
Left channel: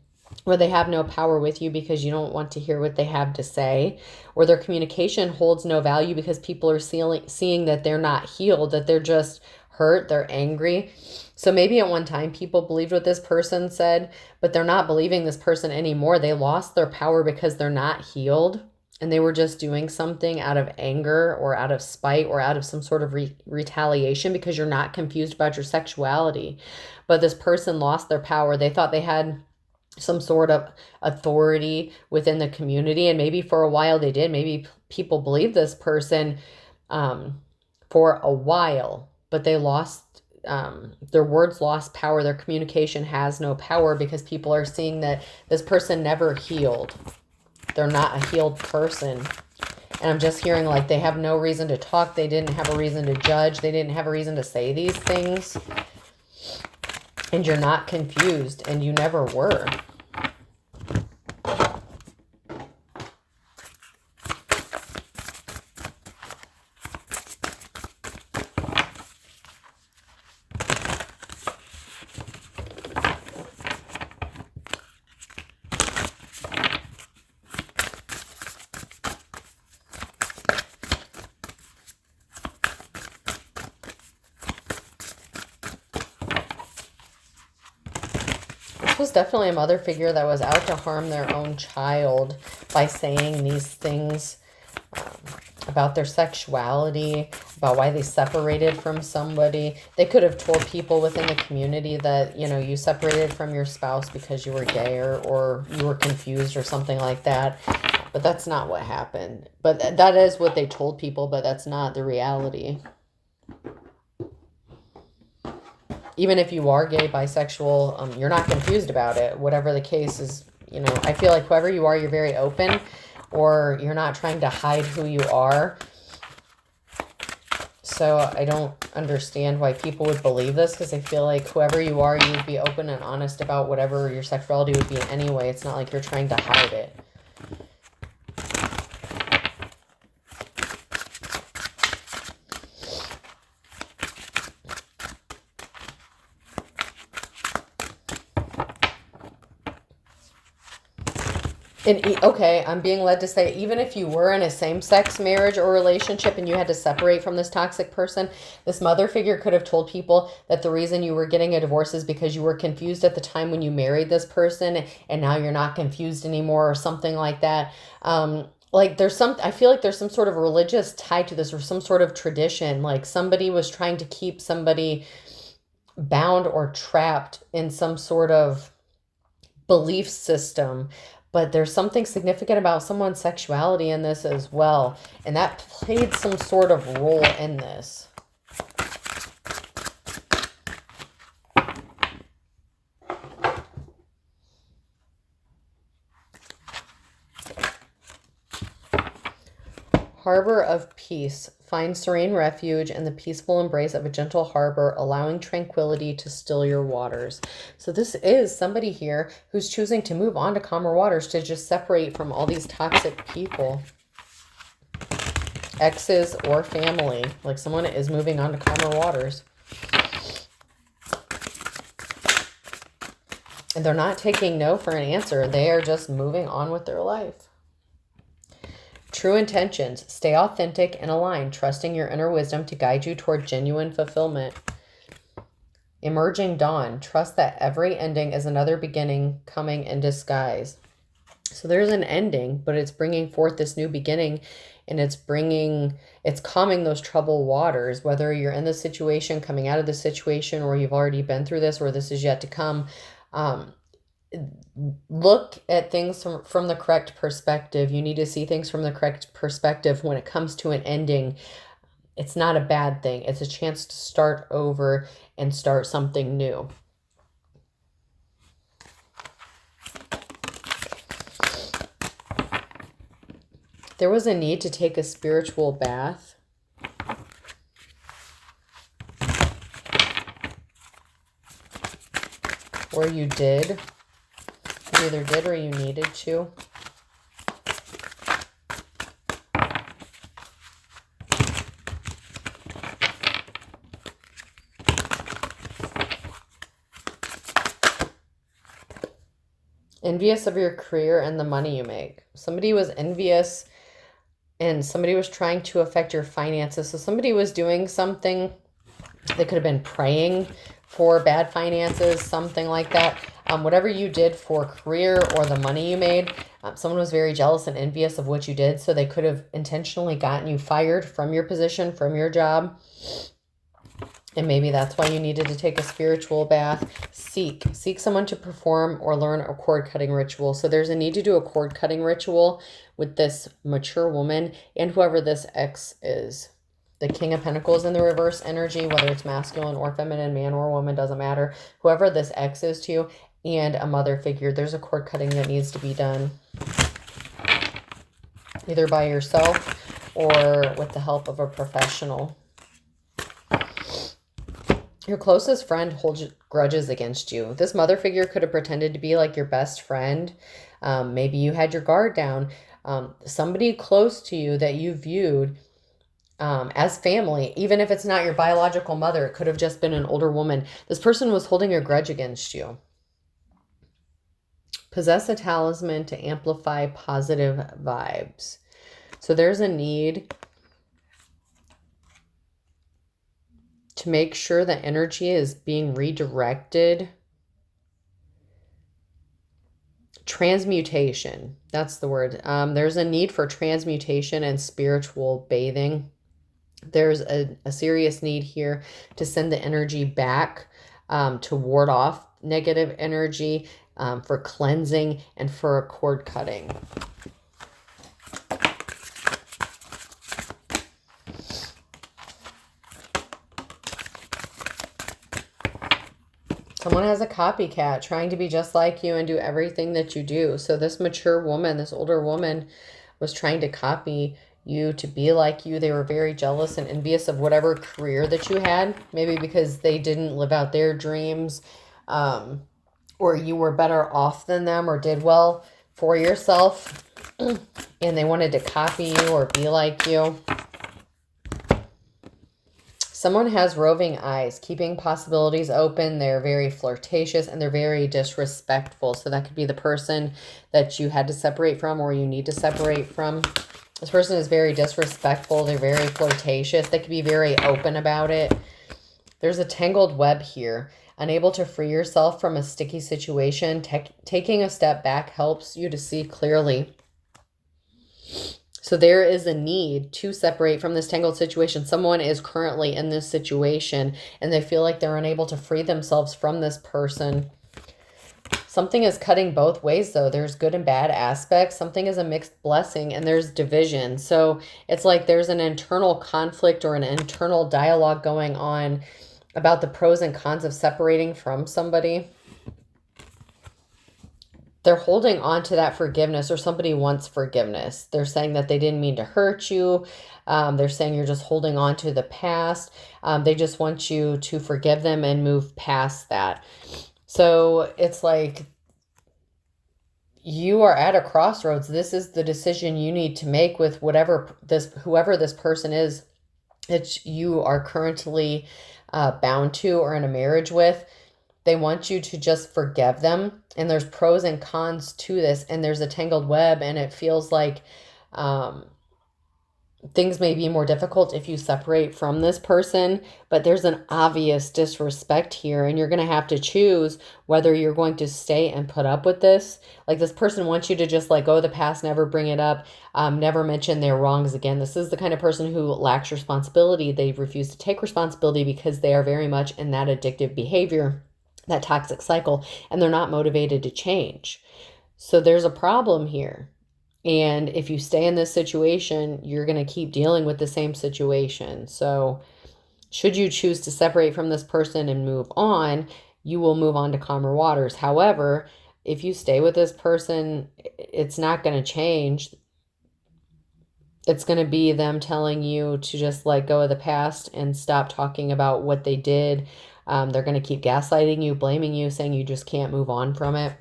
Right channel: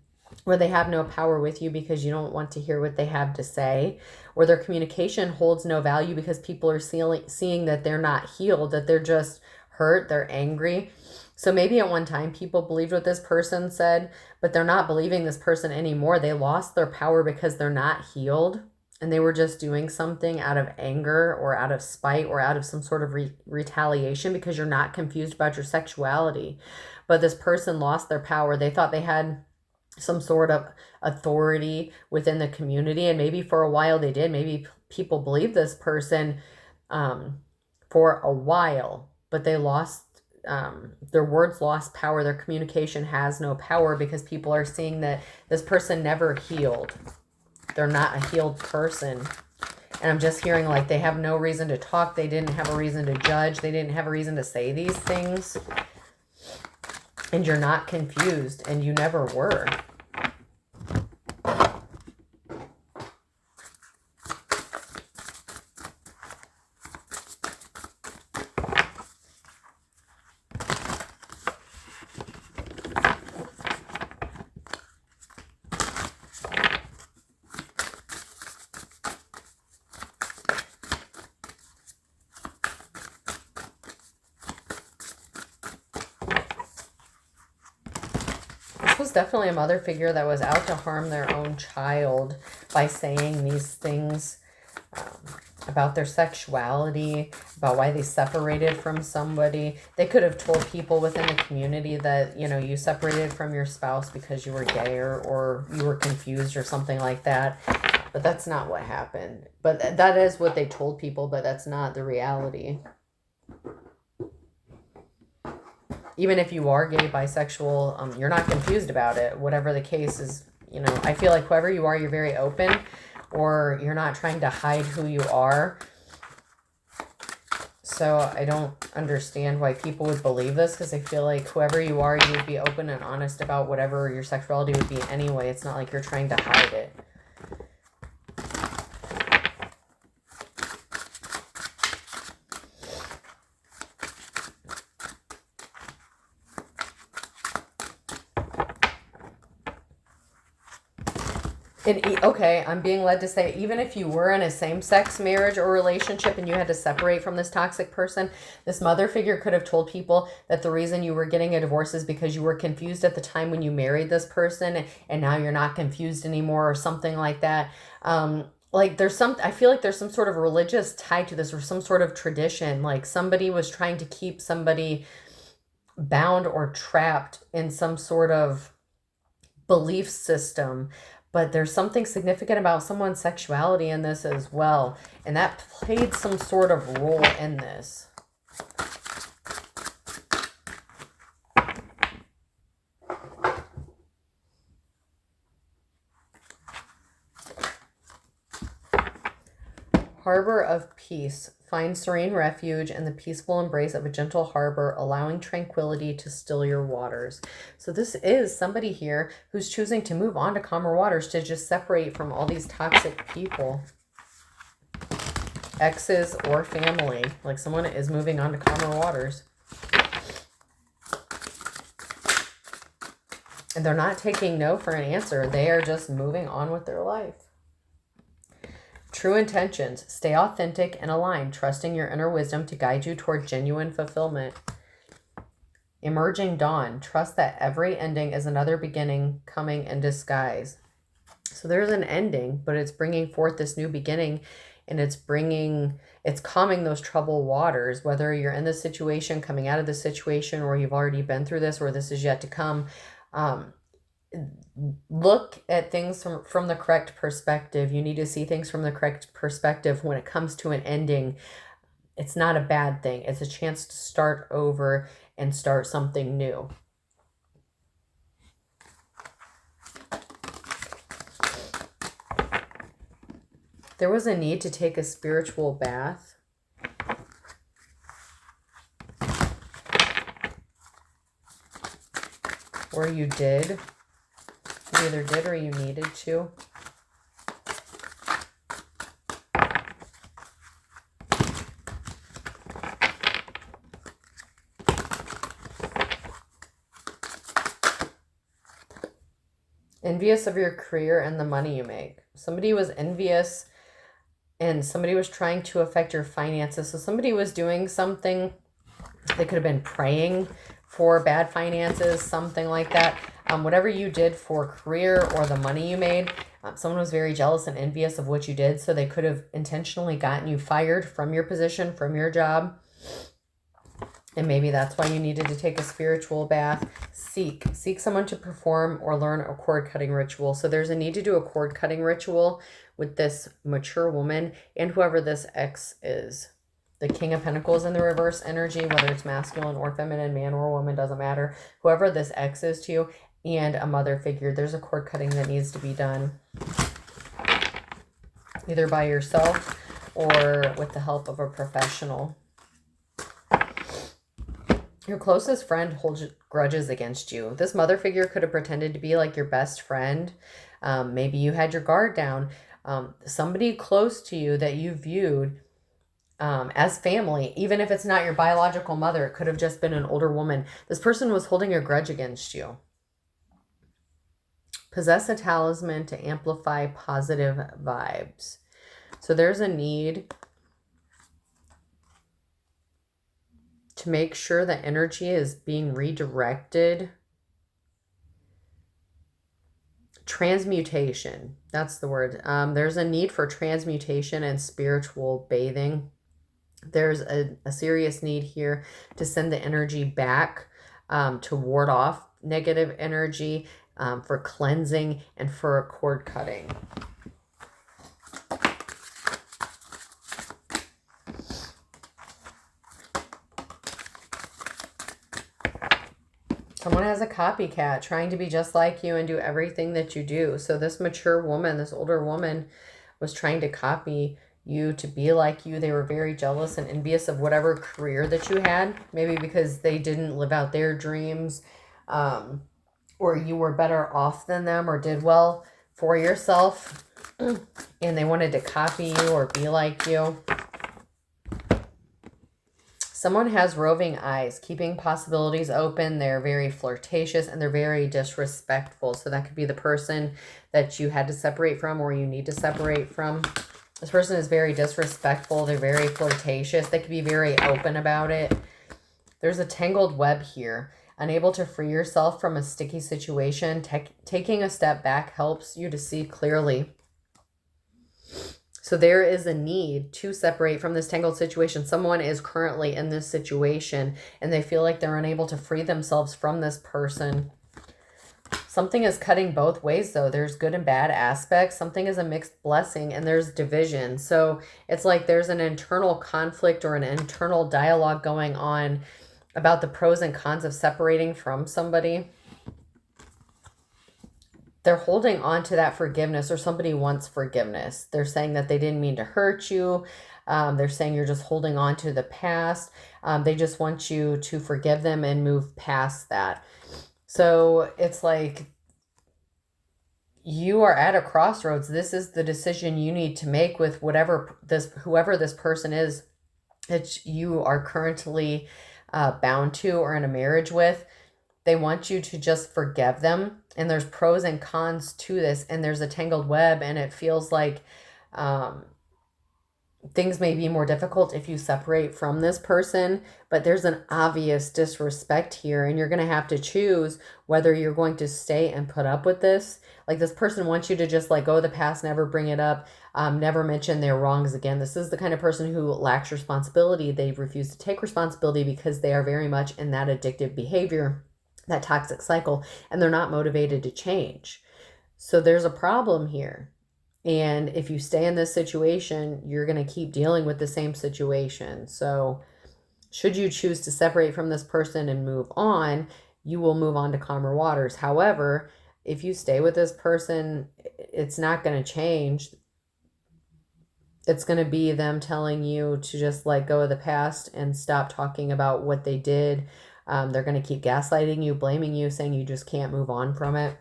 or they have no power with you because you don't want to hear what they have to say, or their communication holds no value because people are seeing that they're not healed, that they're just hurt, they're angry. So maybe at one time people believed what this person said, but they're not believing this person anymore. They lost their power because they're not healed, and they were just doing something out of anger or out of spite or out of some sort of retaliation because you're not confused about your sexuality. But this person lost their power. They thought they had some sort of authority within the community, and maybe for a while they did. Maybe people believed this person for a while, but they lost their words lost power. Their communication has no power because people are seeing that this person never healed. They're not a healed person. And I'm just hearing like they have no reason to talk. They didn't have a reason to judge. They didn't have a reason to say these things. And you're not confused, and you never were. Was definitely a mother figure that was out to harm their own child by saying these things about their sexuality, about why they separated from somebody. They could have told people within the community that, you know, you separated from your spouse because you were gay or you were confused or something like that. But that's not what happened. But that is what they told people, but that's not the reality. Even if you are gay, bisexual, you're not confused about it. Whatever the case is, you know, I feel like whoever you are, you're very open, or you're not trying to hide who you are. So I don't understand why people would believe this, because I feel like whoever you are, you would be open and honest about whatever your sexuality would be anyway. It's not like you're trying to hide it. Okay, I'm being led to say, even if you were in a same-sex marriage or relationship and you had to separate from this toxic person, this mother figure could have told people that the reason you were getting a divorce is because you were confused at the time when you married this person, and now you're not confused anymore, or something like that. Like I feel like there's some sort of religious tie to this, or some sort of tradition. Like somebody was trying to keep somebody bound or trapped in some sort of belief system. But there's something significant about someone's sexuality in this as well. And that played some sort of role in this. Harbor of peace. Find serene refuge in the peaceful embrace of a gentle harbor, allowing tranquility to still your waters. So this is somebody here who's choosing to move on to calmer waters, to just separate from all these toxic people. Exes or family. Like someone is moving on to calmer waters. And they're not taking no for an answer. They are just moving on with their life. True intentions. Stay authentic and aligned, trusting your inner wisdom to guide you toward genuine fulfillment. Emerging dawn. Trust that every ending is another beginning coming in disguise. So there's an ending, but it's bringing forth this new beginning, and it's calming those troubled waters, whether you're in this situation, coming out of the situation, or you've already been through this, or this is yet to come. look at things from the correct perspective. You need to see things from the correct perspective when it comes to an ending. It's not a bad thing. It's a chance to start over and start something new. There was a need to take a spiritual bath. Or you did. You either did or you needed to. Envious of your career and the money you make. Somebody was envious and somebody was trying to affect your finances. So somebody was doing something. They could have been praying for bad finances, something like that. Whatever you did for career or the money you made, someone was very jealous and envious of what you did. So they could have intentionally gotten you fired from your position, from your job. And maybe that's why you needed to take a spiritual bath. Seek someone to perform or learn a cord cutting ritual. So there's a need to do a cord cutting ritual with this mature woman and whoever this ex is. The King of Pentacles in the reverse energy, whether it's masculine or feminine, man or woman, doesn't matter. Whoever this ex is to you, and a mother figure. There's a cord cutting that needs to be done. Either by yourself or with the help of a professional. Your closest friend holds grudges against you. This mother figure could have pretended to be like your best friend. Maybe you had your guard down. Somebody close to you that you viewed as family, even if it's not your biological mother, it could have just been an older woman. This person was holding a grudge against you. Possess a talisman to amplify positive vibes. So there's a need to make sure that energy is being redirected. Transmutation, that's the word. There's a need for transmutation and spiritual bathing. There's a serious need here to send the energy back, to ward off negative energy, for cleansing and for cord cutting. Someone has a copycat trying to be just like you and do everything that you do. So this mature woman, this older woman, was trying to copy you to be like you. They were very jealous and envious of whatever career that you had. Maybe because they didn't live out their dreams, or you were better off than them or did well for yourself. And they wanted to copy you or be like you. Someone has roving eyes, keeping possibilities open. They're very flirtatious and they're very disrespectful. So that could be the person that you had to separate from or you need to separate from. This person is very disrespectful. They're very flirtatious. They could be very open about it. There's a tangled web here. Unable to free yourself from a sticky situation. Taking a step back helps you to see clearly. So there is a need to separate from this tangled situation. Someone is currently in this situation and they feel like they're unable to free themselves from this person. Something is cutting both ways though. There's good and bad aspects. Something is a mixed blessing and there's division. So it's like there's an internal conflict or an internal dialogue going on about the pros and cons of separating from somebody. They're holding on to that forgiveness, or somebody wants forgiveness. They're saying that they didn't mean to hurt you. They're saying you're just holding on to the past. They just want you to forgive them and move past that. So it's like you are at a crossroads. This is the decision you need to make with whoever this person is that you are currently bound to or in a marriage with. They want you to just forgive them. And there's pros and cons to this. And there's a tangled web. And it feels like things may be more difficult if you separate from this person. But there's an obvious disrespect here. And you're going to have to choose whether you're going to stay and put up with this. Like this person wants you to just let go of the past, never bring it up, never mention their wrongs again. This is the kind of person who lacks responsibility. They refuse to take responsibility because they are very much in that addictive behavior. that toxic cycle, and they're not motivated to change. So there's a problem here. And if you stay in this situation, you're going to keep dealing with the same situation. So should you choose to separate from this person and move on, you will move on to calmer waters. However, if you stay with this person, it's not going to change. It's going to be them telling you to just let go of the past and stop talking about what they did. They're going to keep gaslighting you, blaming you, saying you just can't move on from it.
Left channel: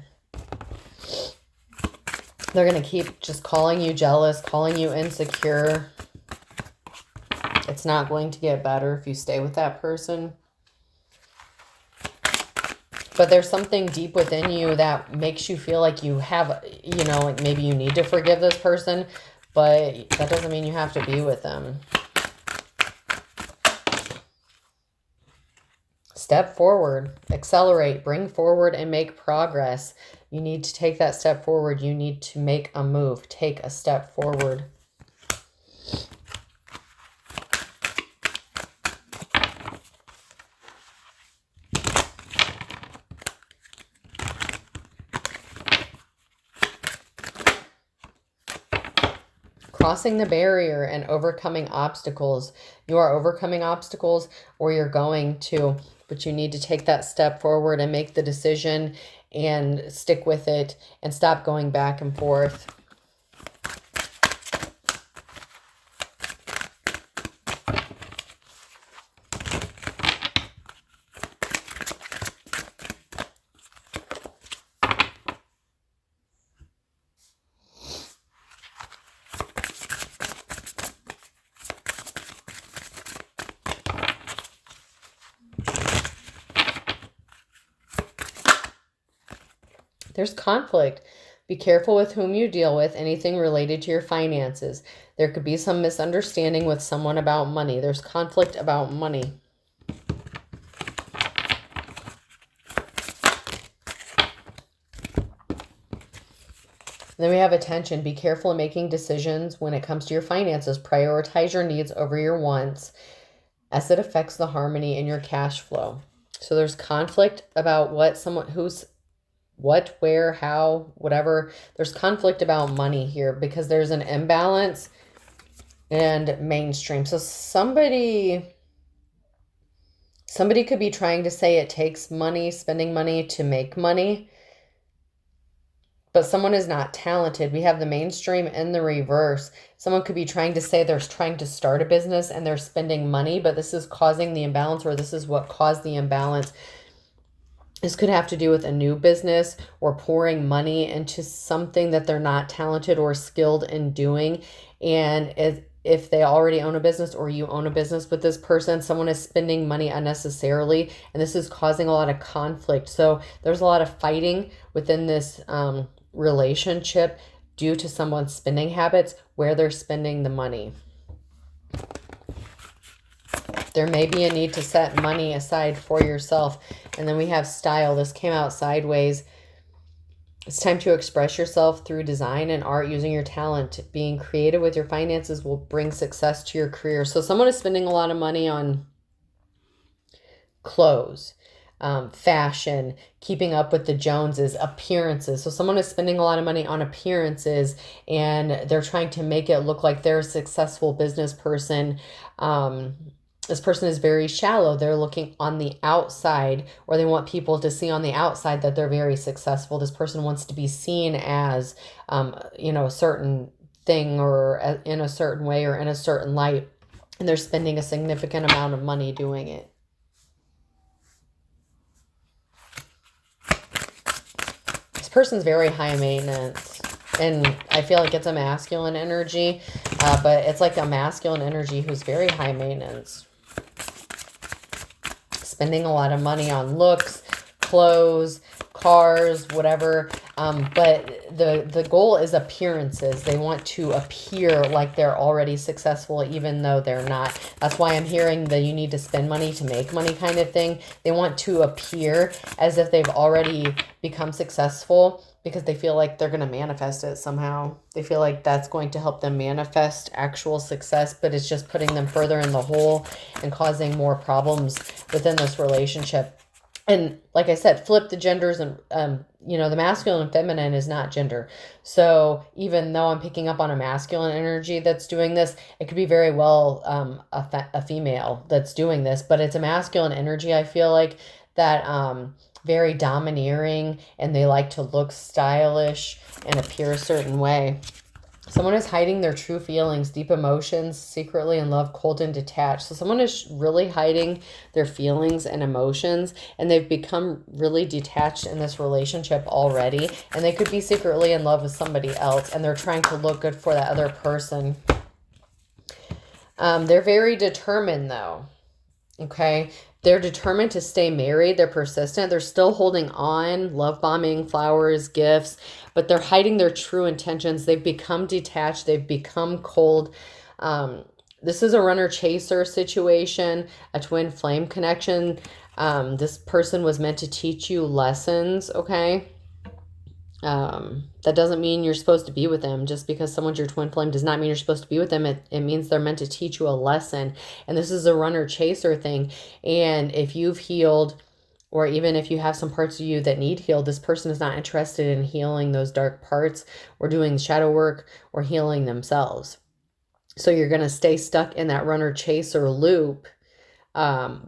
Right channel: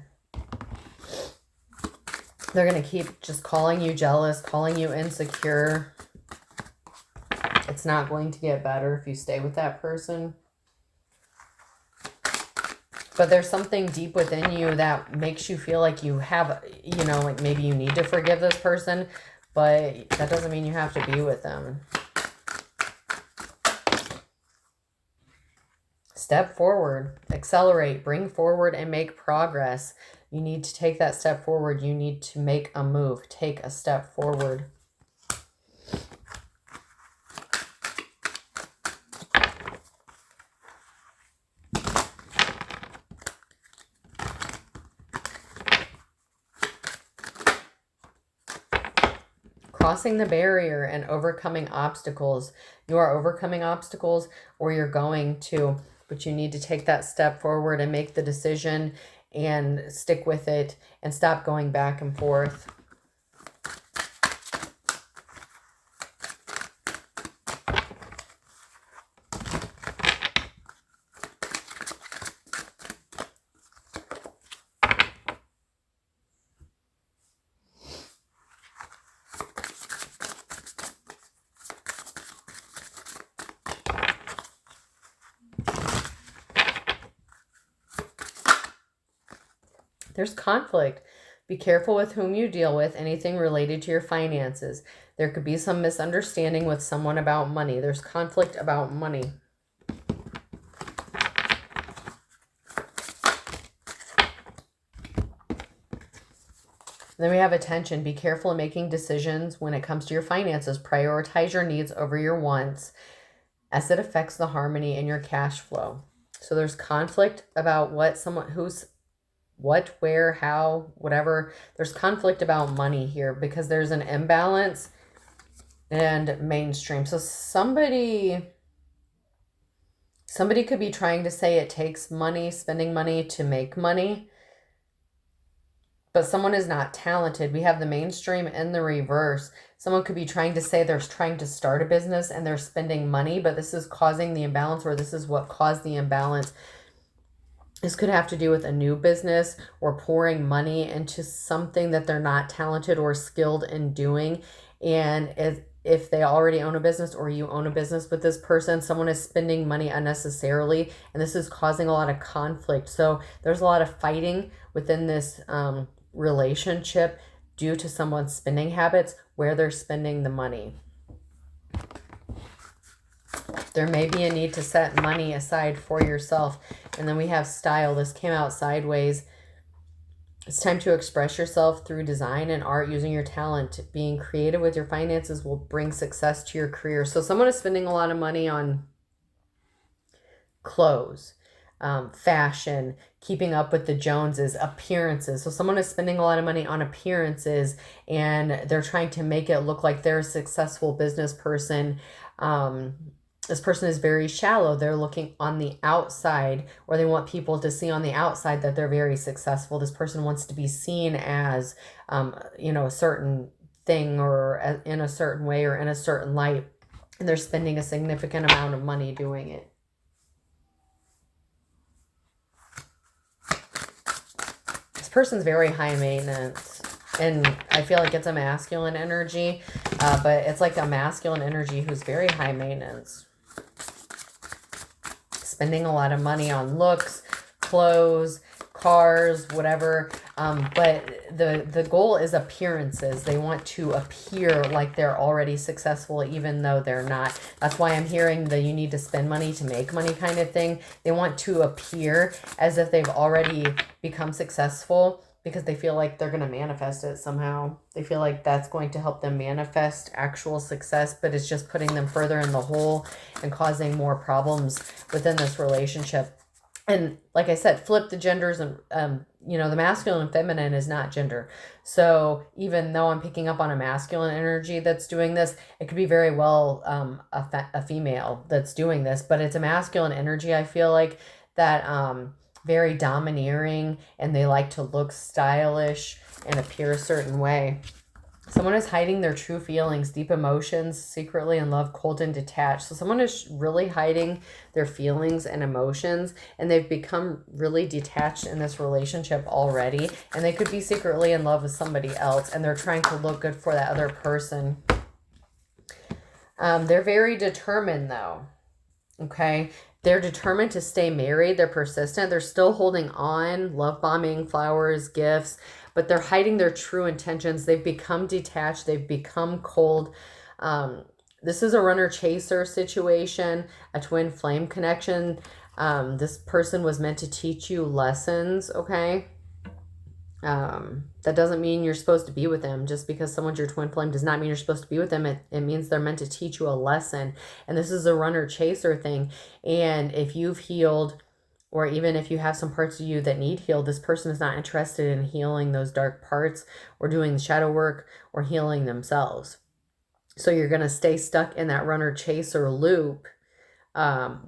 They're going to keep just calling you jealous, calling you insecure. It's not going to get better if you stay with that person. But there's something deep within you that makes you feel like you have, you know, like maybe you need to forgive this person, but that doesn't mean you have to be with them. Step forward, accelerate, bring forward, and make progress. You need to take that step forward. You need to make a move. Take a step forward. Crossing the barrier and overcoming obstacles. You are overcoming obstacles, or you're going to, but you need to take that step forward and make the decision and stick with it and stop going back and forth. There's conflict. Be careful with whom you deal with, anything related to your finances. There could be some misunderstanding with someone about money. There's conflict about money. Then we have attention. Be careful in making decisions when it comes to your finances. Prioritize your needs over your wants as it affects the harmony in your cash flow. So there's conflict about what, where, how, whatever. There's conflict about money here because there's an imbalance and mainstream. So somebody could be trying to say it takes money, spending money to make money, but someone is not talented. We have the mainstream and the reverse. Someone could be trying to say they're trying to start a business and they're spending money, but this is causing the imbalance, or this is what caused the imbalance. This could have to do with a new business or pouring money into something that they're not talented or skilled in doing. And if they already own a business, or you own a business with this person, someone is spending money unnecessarily, and this is causing a lot of conflict. So there's a lot of fighting within this relationship due to someone's spending habits, where they're spending the money. There may be a need to set money aside for yourself. And then we have style. This came out sideways. It's time to express yourself through design and art using your talent. Being creative with your finances will bring success to your career. So someone is spending a lot of money on clothes, fashion, keeping up with the Joneses, appearances. So someone is spending a lot of money on appearances, and they're trying to make it look like they're a successful business person. This person is very shallow. They're looking on the outside, or they want people to see on the outside that they're very successful. This person wants to be seen as, a certain thing, or in a certain way, or in a certain light. And they're spending a significant amount of money doing it. This person's very high maintenance. And I feel like it's a masculine energy, but it's like a masculine energy who's very high maintenance. Spending a lot of money on looks, clothes, cars, whatever. But the goal is appearances. They want to appear like they're already successful, even though they're not. That's why I'm hearing the you need to spend money to make money kind of thing. They want to appear as if they've already become successful, because they feel like they're going to manifest it somehow. They feel like that's going to help them manifest actual success, but it's just putting them further in the hole and causing more problems within this relationship. And like I said, flip the genders, and the masculine and feminine is not gender. So even though I'm picking up on a masculine energy that's doing this, it could be very well a female that's doing this, but it's a masculine energy. I feel like that very domineering, and they like to look stylish and appear a certain way. Someone is hiding their true feelings, deep emotions, secretly in love, cold and detached. So someone is really hiding their feelings and emotions, and they've become really detached in this relationship already. And they could be secretly in love with somebody else, and they're trying to look good for that other person. They're very determined, though. Okay. They're determined to stay married. They're persistent. They're still holding on, love bombing, flowers, gifts, but they're hiding their true intentions. They've become detached. They've become cold. This is a runner-chaser situation, a twin flame connection. This person was meant to teach you lessons, okay? That doesn't mean you're supposed to be with them. Just because someone's your twin flame does not mean you're supposed to be with them. It means they're meant to teach you a lesson. And this is a runner chaser thing. And if you've healed, or even if you have some parts of you that need healed, this person is not interested in healing those dark parts, or doing shadow work, or healing themselves. So you're going to stay stuck in that runner chaser loop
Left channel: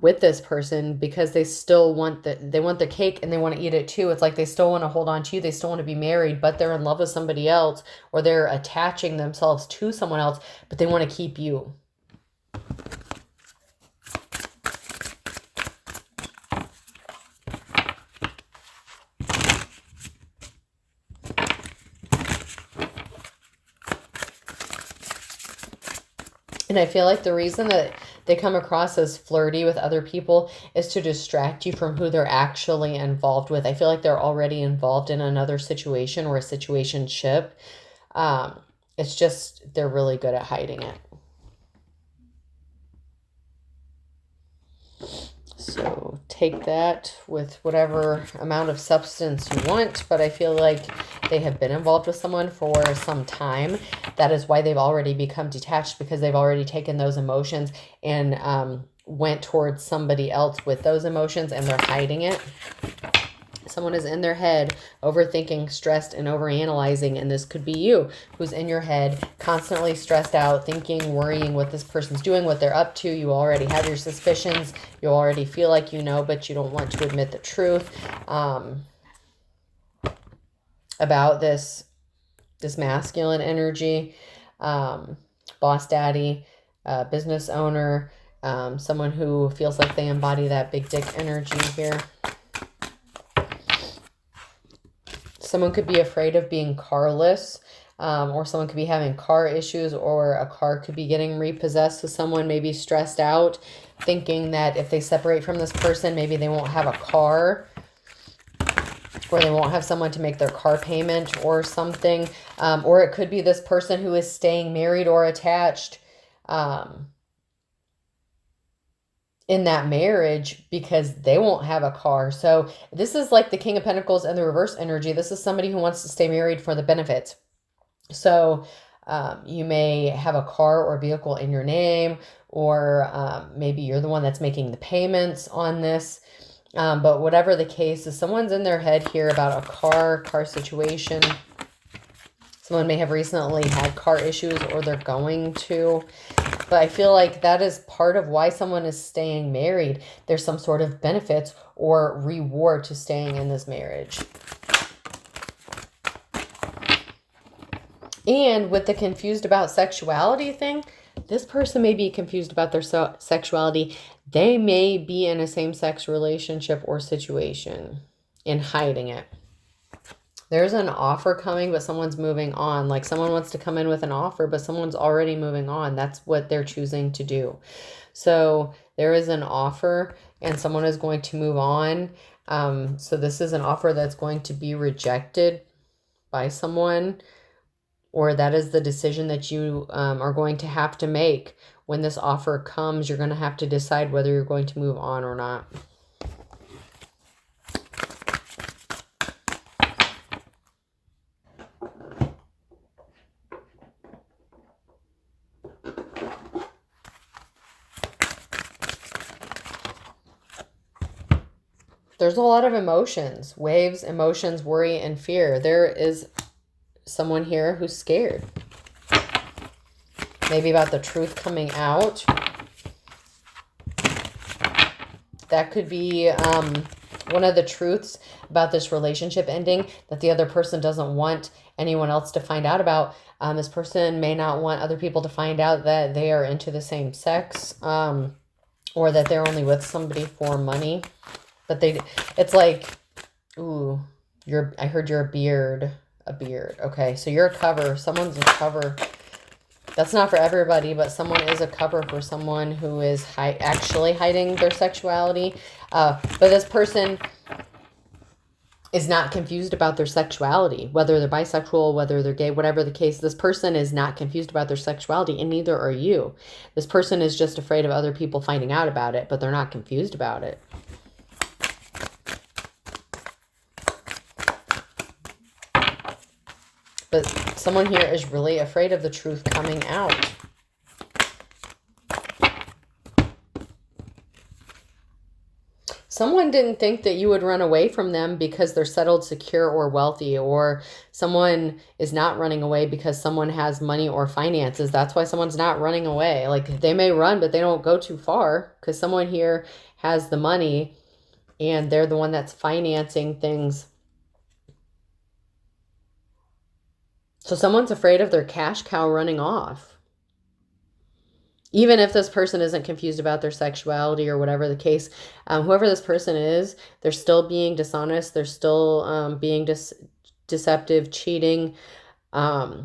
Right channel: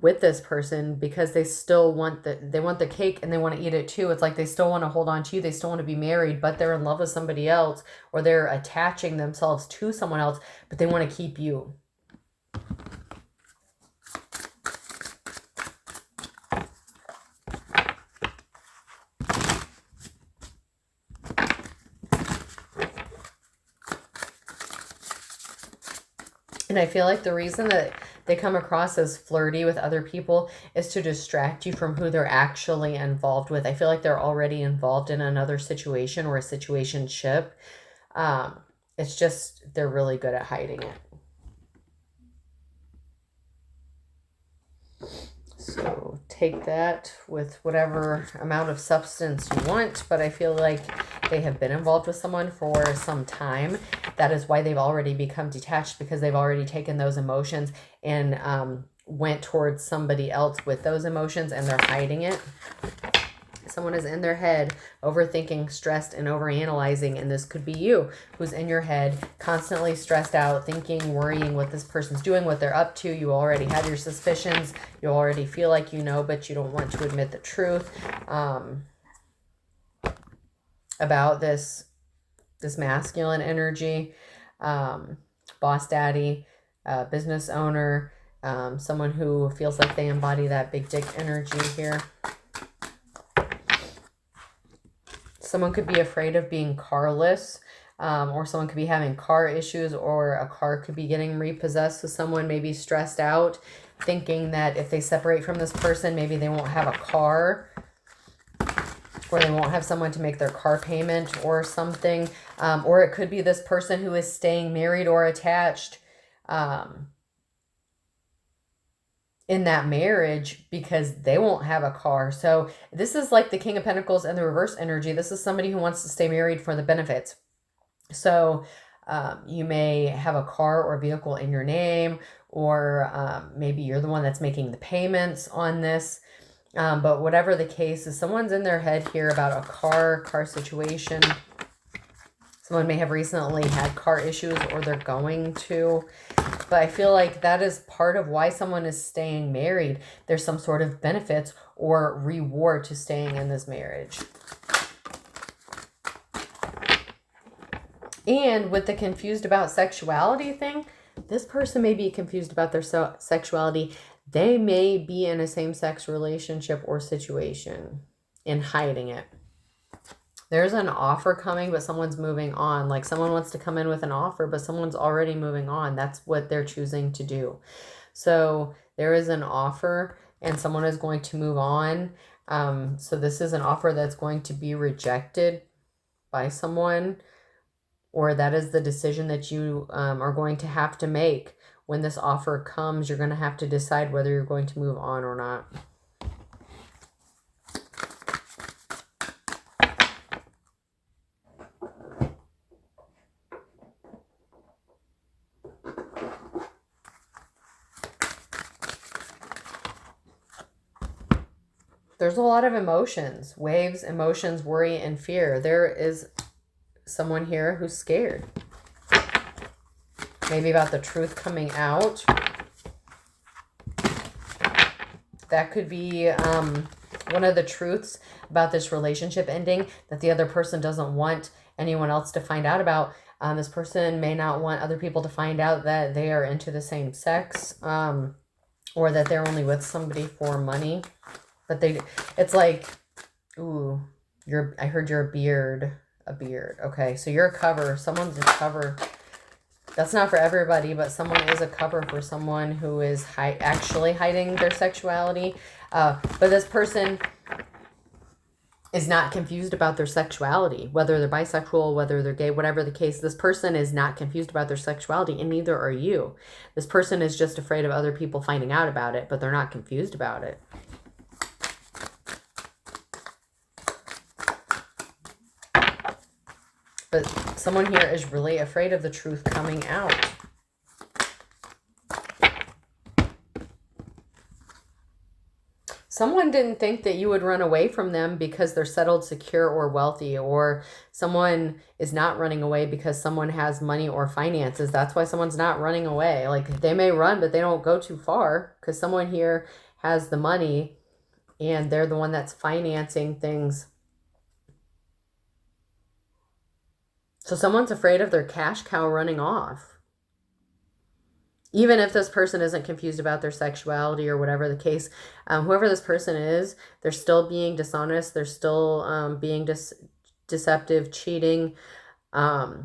with this person, because they still want the cake, and they want to eat it too. It's like they still want to hold on to you. They still want to be married, but they're in love with somebody else, or they're attaching themselves to someone else, but they want to keep you. And I feel like the reason that they come across as flirty with other people is to distract you from who they're actually involved with. I feel like they're already involved in another situation, or a situationship. It's just they're really good at hiding it. So take that with whatever amount of substance you want, but I feel like they have been involved with someone for some time. That is why they've already become detached, because they've already taken those emotions and went towards somebody else with those emotions, and they're hiding it. Someone is in their head, overthinking, stressed, and overanalyzing. And this could be you, who's in your head, constantly stressed out, thinking, worrying what this person's doing, what they're up to. You already have your suspicions. You already feel like you know, but you don't want to admit the truth about this masculine energy. Boss daddy, business owner, someone who feels like they embody that big dick energy here. Someone could be afraid of being carless, or someone could be having car issues, or a car could be getting repossessed. So someone may be stressed out, thinking that if they separate from this person, maybe they won't have a car, or they won't have someone to make their car payment or something. Or it could be this person who is staying married or attached in that marriage because they won't have a car. So this is like the King of Pentacles and the reverse energy. This is somebody who wants to stay married for the benefits. So you may have a car or vehicle in your name, or maybe you're the one that's making the payments on this. But whatever the case is, someone's in their head here about a car situation. Someone may have recently had car issues, or they're going to. But I feel like that is part of why someone is staying married. There's some sort of benefits or reward to staying in this marriage. And with the confused about sexuality thing, this person may be confused about their sexuality. They may be in a same-sex relationship or situation and hiding it. There's an offer coming, but someone's moving on. Like someone wants to come in with an offer, but someone's already moving on. That's what they're choosing to do. So there is an offer and someone is going to move on. So this is an offer that's going to be rejected by someone, or that is the decision that you are going to have to make. When this offer comes, you're going to have to decide whether you're going to move on or not. There's a lot of emotions, waves, emotions, worry, and fear. There is someone here who's scared. Maybe about the truth coming out. That could be one of the truths about this relationship ending that the other person doesn't want anyone else to find out about. This person may not want other people to find out that they are into the same sex, or that they're only with somebody for money. But it's like, ooh, I heard you're a beard. Okay, so you're a cover. Someone's a cover. That's not for everybody, but someone is a cover for someone who is actually hiding their sexuality. But this person is not confused about their sexuality, whether they're bisexual, whether they're gay, whatever the case. This person is not confused about their sexuality, and neither are you. This person is just afraid of other people finding out about it, but they're not confused about it. But someone here is really afraid of the truth coming out. Someone didn't think that you would run away from them because they're settled, secure, or wealthy, or someone is not running away because someone has money or finances. That's why someone's not running away. Like, they may run, but they don't go too far because someone here has the money and they're the one that's financing things. So someone's afraid of their cash cow running off. Even if this person isn't confused about their sexuality or whatever the case, whoever this person is, they're still being dishonest. They're still being deceptive, cheating. But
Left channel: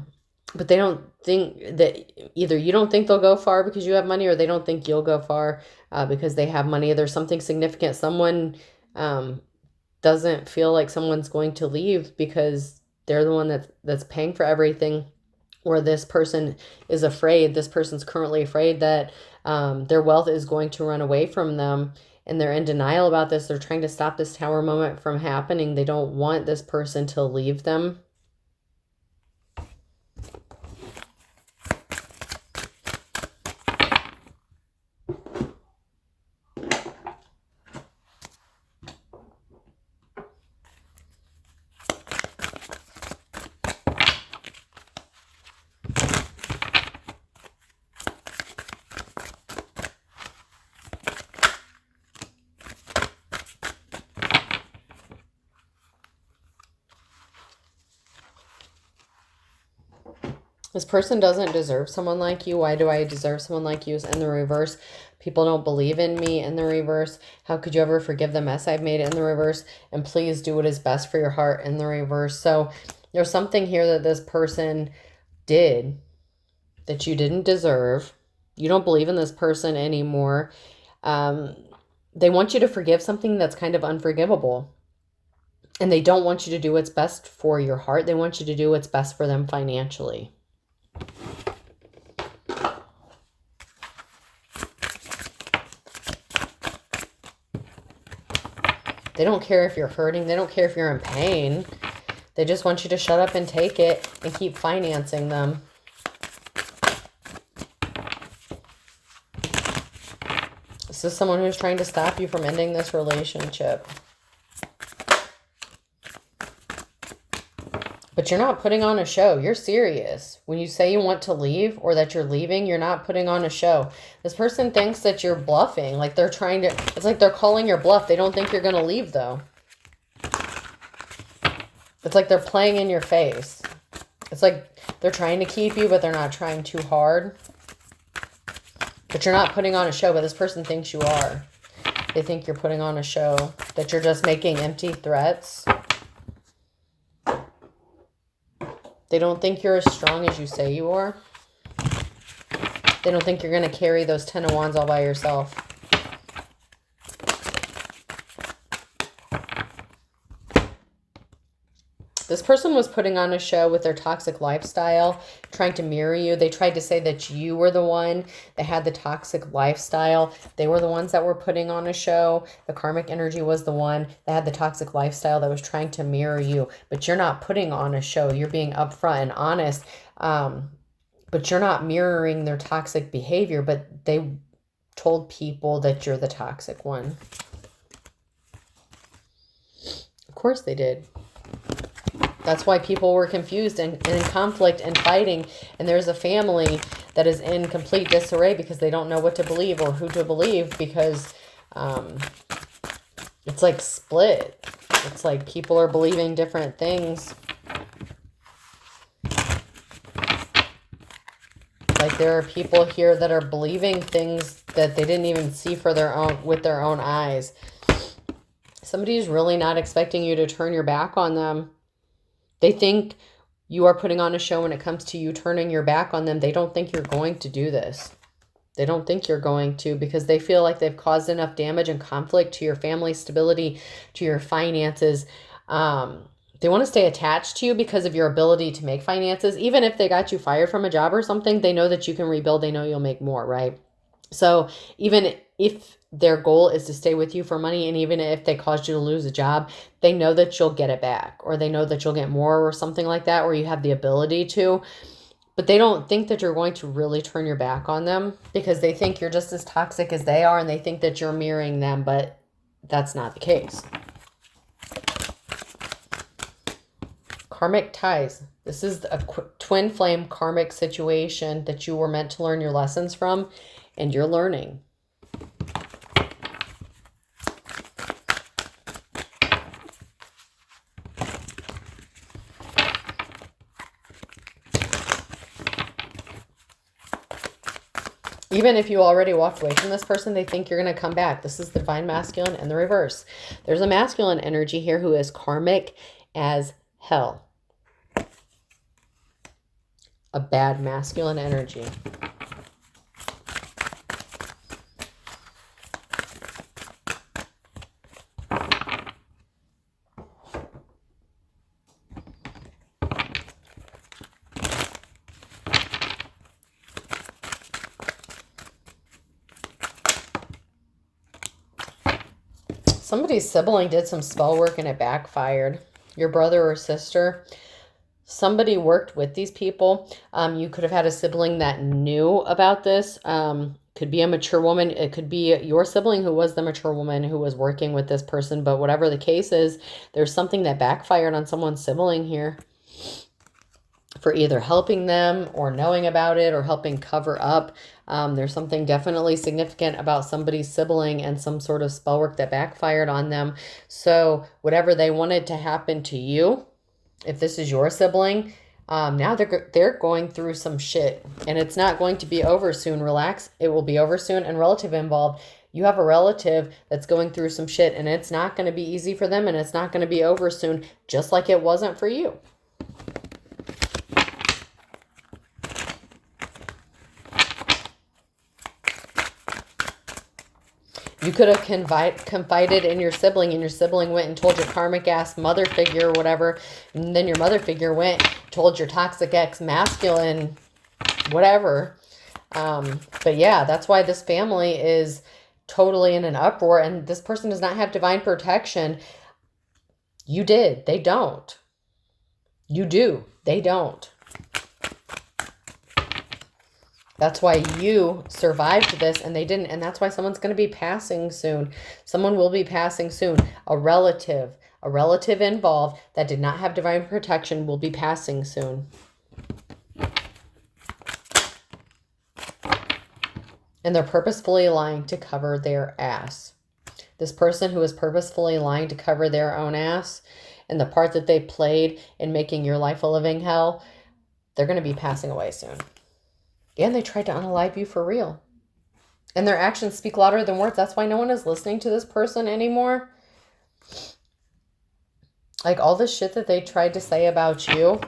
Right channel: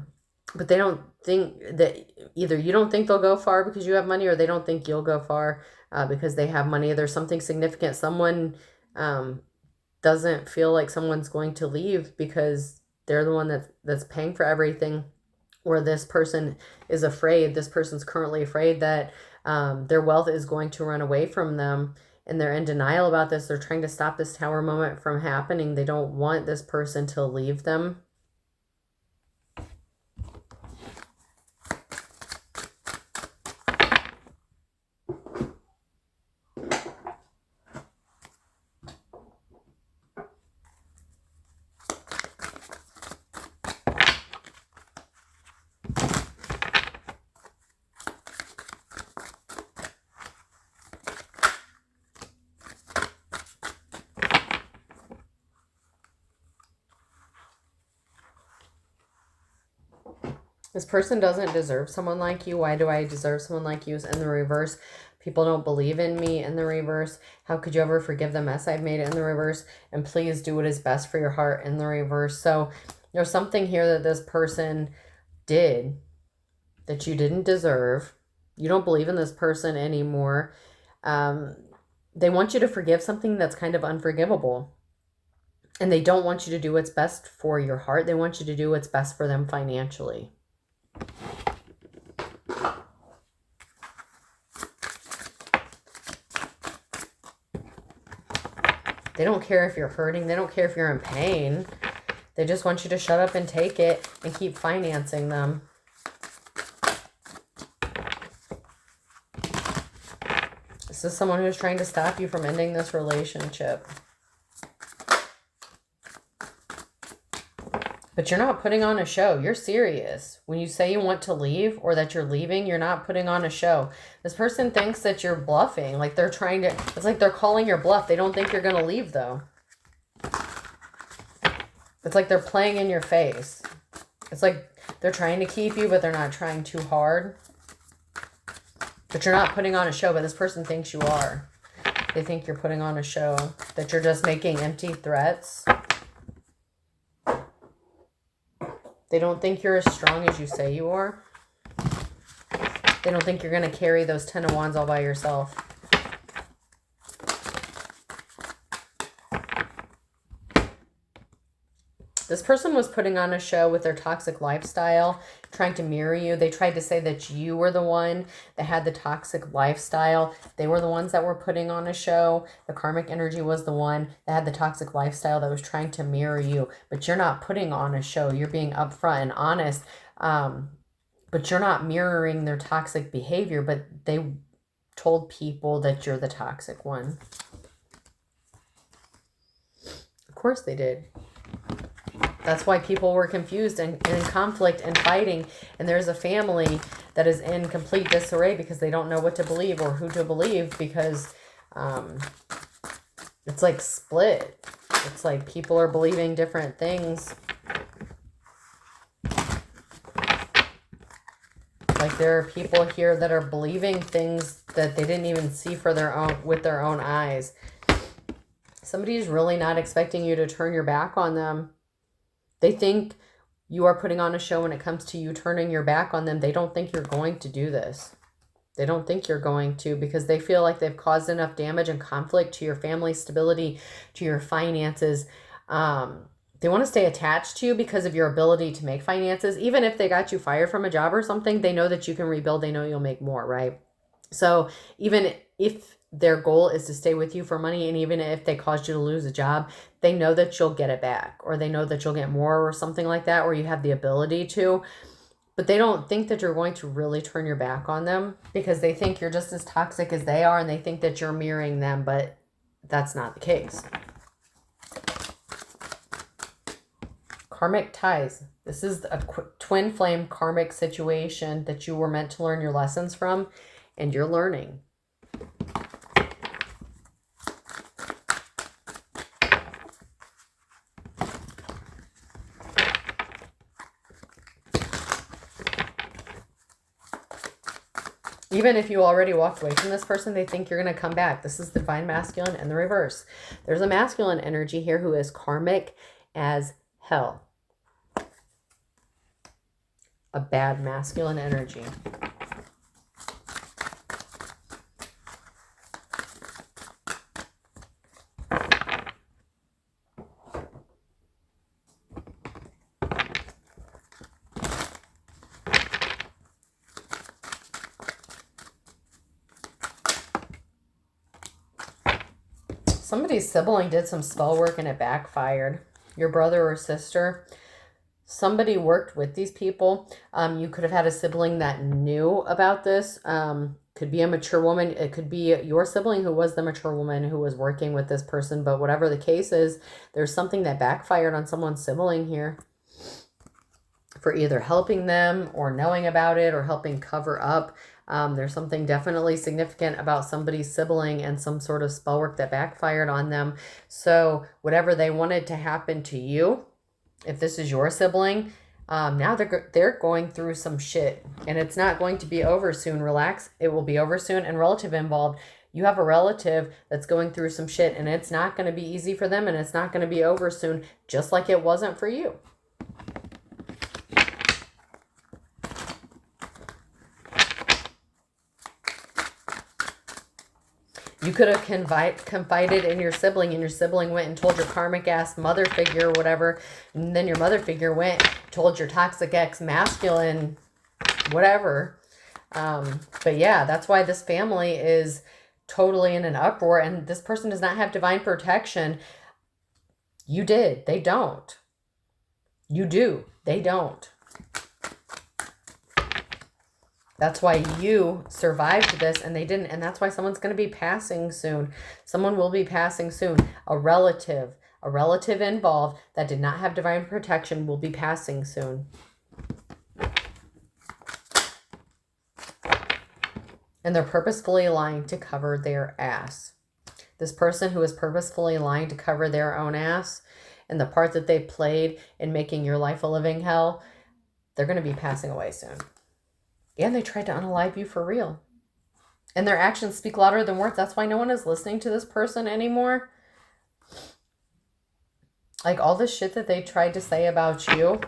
they don't think that either you don't think they'll go far because you have money, or they don't think you'll go far because they have money. There's something significant. Someone doesn't feel like someone's going to leave because they're the one that's paying for everything. Or this person is afraid, this person's currently afraid that their wealth is going to run away from them, and they're in denial about this. They're trying to stop this tower moment from happening. They don't want this person to leave them. This person doesn't deserve someone like you. Why do I deserve someone like you? Is in the reverse. People don't believe in me in the reverse. How could you ever forgive the mess I've made in the reverse? And please do what is best for your heart in the reverse. So there's something here that this person did that you didn't deserve. You don't believe in this person anymore. They want you to forgive something that's kind of unforgivable. And they don't want you to do what's best for your heart. They want you to do what's best for them financially. They don't care if you're hurting. They don't care if you're in pain. They just want you to shut up and take it and keep financing them. This is someone who's trying to stop you from ending this relationship. But you're not putting on a show. You're serious. When you say you want to leave or that you're leaving, you're not putting on a show. This person thinks that you're bluffing. Like they're trying to, it's like they're calling your bluff. They don't think you're going to leave though. It's like they're playing in your face. It's like they're trying to keep you, but they're not trying too hard. But you're not putting on a show, but this person thinks you are. They think you're putting on a show, that you're just making empty threats. They don't think you're as strong as you say you are. They don't think you're going to carry those 10 of Wands all by yourself. This person was putting on a show with their toxic lifestyle, trying to mirror you. They tried to say that you were the one that had the toxic lifestyle. They were the ones that were putting on a show. The karmic energy was the one that had the toxic lifestyle that was trying to mirror you. But you're not putting on a show. You're being upfront and honest. But you're not mirroring their toxic behavior. But they told people that you're the toxic one. course they did. That's why people were confused and in conflict and fighting. And there's a family that is in complete disarray because they don't know what to believe or who to believe, because it's like split. It's like people are believing different things. Like there are people here that are believing things that they didn't even see for with their own eyes. Somebody's really not expecting you to turn your back on them. They think you are putting on a show when it comes to you turning your back on them. They don't think you're going to do this. They don't think you're going to, because they feel like they've caused enough damage and conflict to your family stability, to your finances. They want to stay attached to you because of your ability to make finances. Even if they got you fired from a job or something, they know that you can rebuild. They know you'll make more, right? So even if their goal is to stay with you for money, and even if they caused you to lose a job, they know that you'll get it back, or they know that you'll get more or something like that, or you have the ability to. But they don't think that you're going to really turn your back on them, because they think you're just as toxic as they are, and they think that you're mirroring them, but that's not the case. Karmic ties. This is a twin flame karmic situation that you were meant to learn your lessons from, and you're learning. Even if you already walked away from this person, they think you're going to come back. This is the divine masculine and the reverse. There's a masculine energy here who is karmic as hell. A bad masculine energy. Somebody's sibling did some spell work and it backfired. Your brother or sister. Somebody worked with these people. You could have had a sibling that knew about this. Could be a mature woman. It could be your sibling who was the mature woman who was working with this person. But whatever the case is, there's something that backfired on someone's sibling here, for either helping them or knowing about it or helping cover up. There's something definitely significant about somebody's sibling and some sort of spell work that backfired on them. So whatever they wanted to happen to you, if this is your sibling, now they're going through some shit, and it's not going to be over soon. Relax. It will be over soon. And relative involved. You have a relative that's going through some shit, and it's not going to be easy for them, and it's not going to be over soon, just like it wasn't for you. You could have confided in your sibling, and your sibling went and told your karmic ass mother figure or whatever. And then your mother figure went, told your toxic ex masculine, whatever. But yeah, that's why this family is totally in an uproar. And this person does not have divine protection. You did. They don't. You do. They don't. That's why you survived this and they didn't. And that's why someone's going to be passing soon. Someone will be passing soon. A relative involved that did not have divine protection will be passing soon. And they're purposefully lying to cover their ass. This person who is purposefully lying to cover their own ass and the part that they played in making your life a living hell, they're going to be passing away soon. And they tried to unalive you for real. And their actions speak louder than words. That's why no one is listening to this person anymore. Like all the shit that they tried to say about you,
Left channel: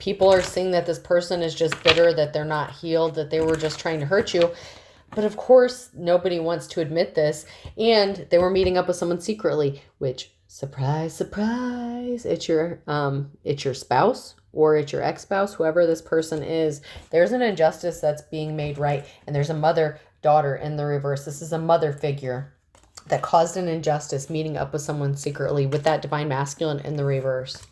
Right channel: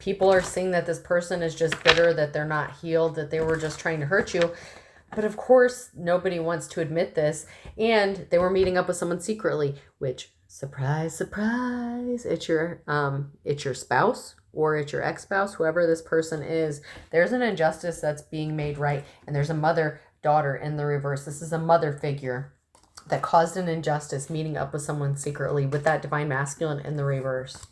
people are seeing that this person is just bitter, that they're not healed, that they were just trying to hurt you. But of course, nobody wants to admit this. And they were meeting up with someone secretly, which, surprise, surprise, it's your spouse. Or it's your ex-spouse, whoever this person is. There's an injustice that's being made right. And there's a mother-daughter in the reverse. This is a mother figure that caused an injustice, meeting up with someone secretly with that divine masculine in the reverse.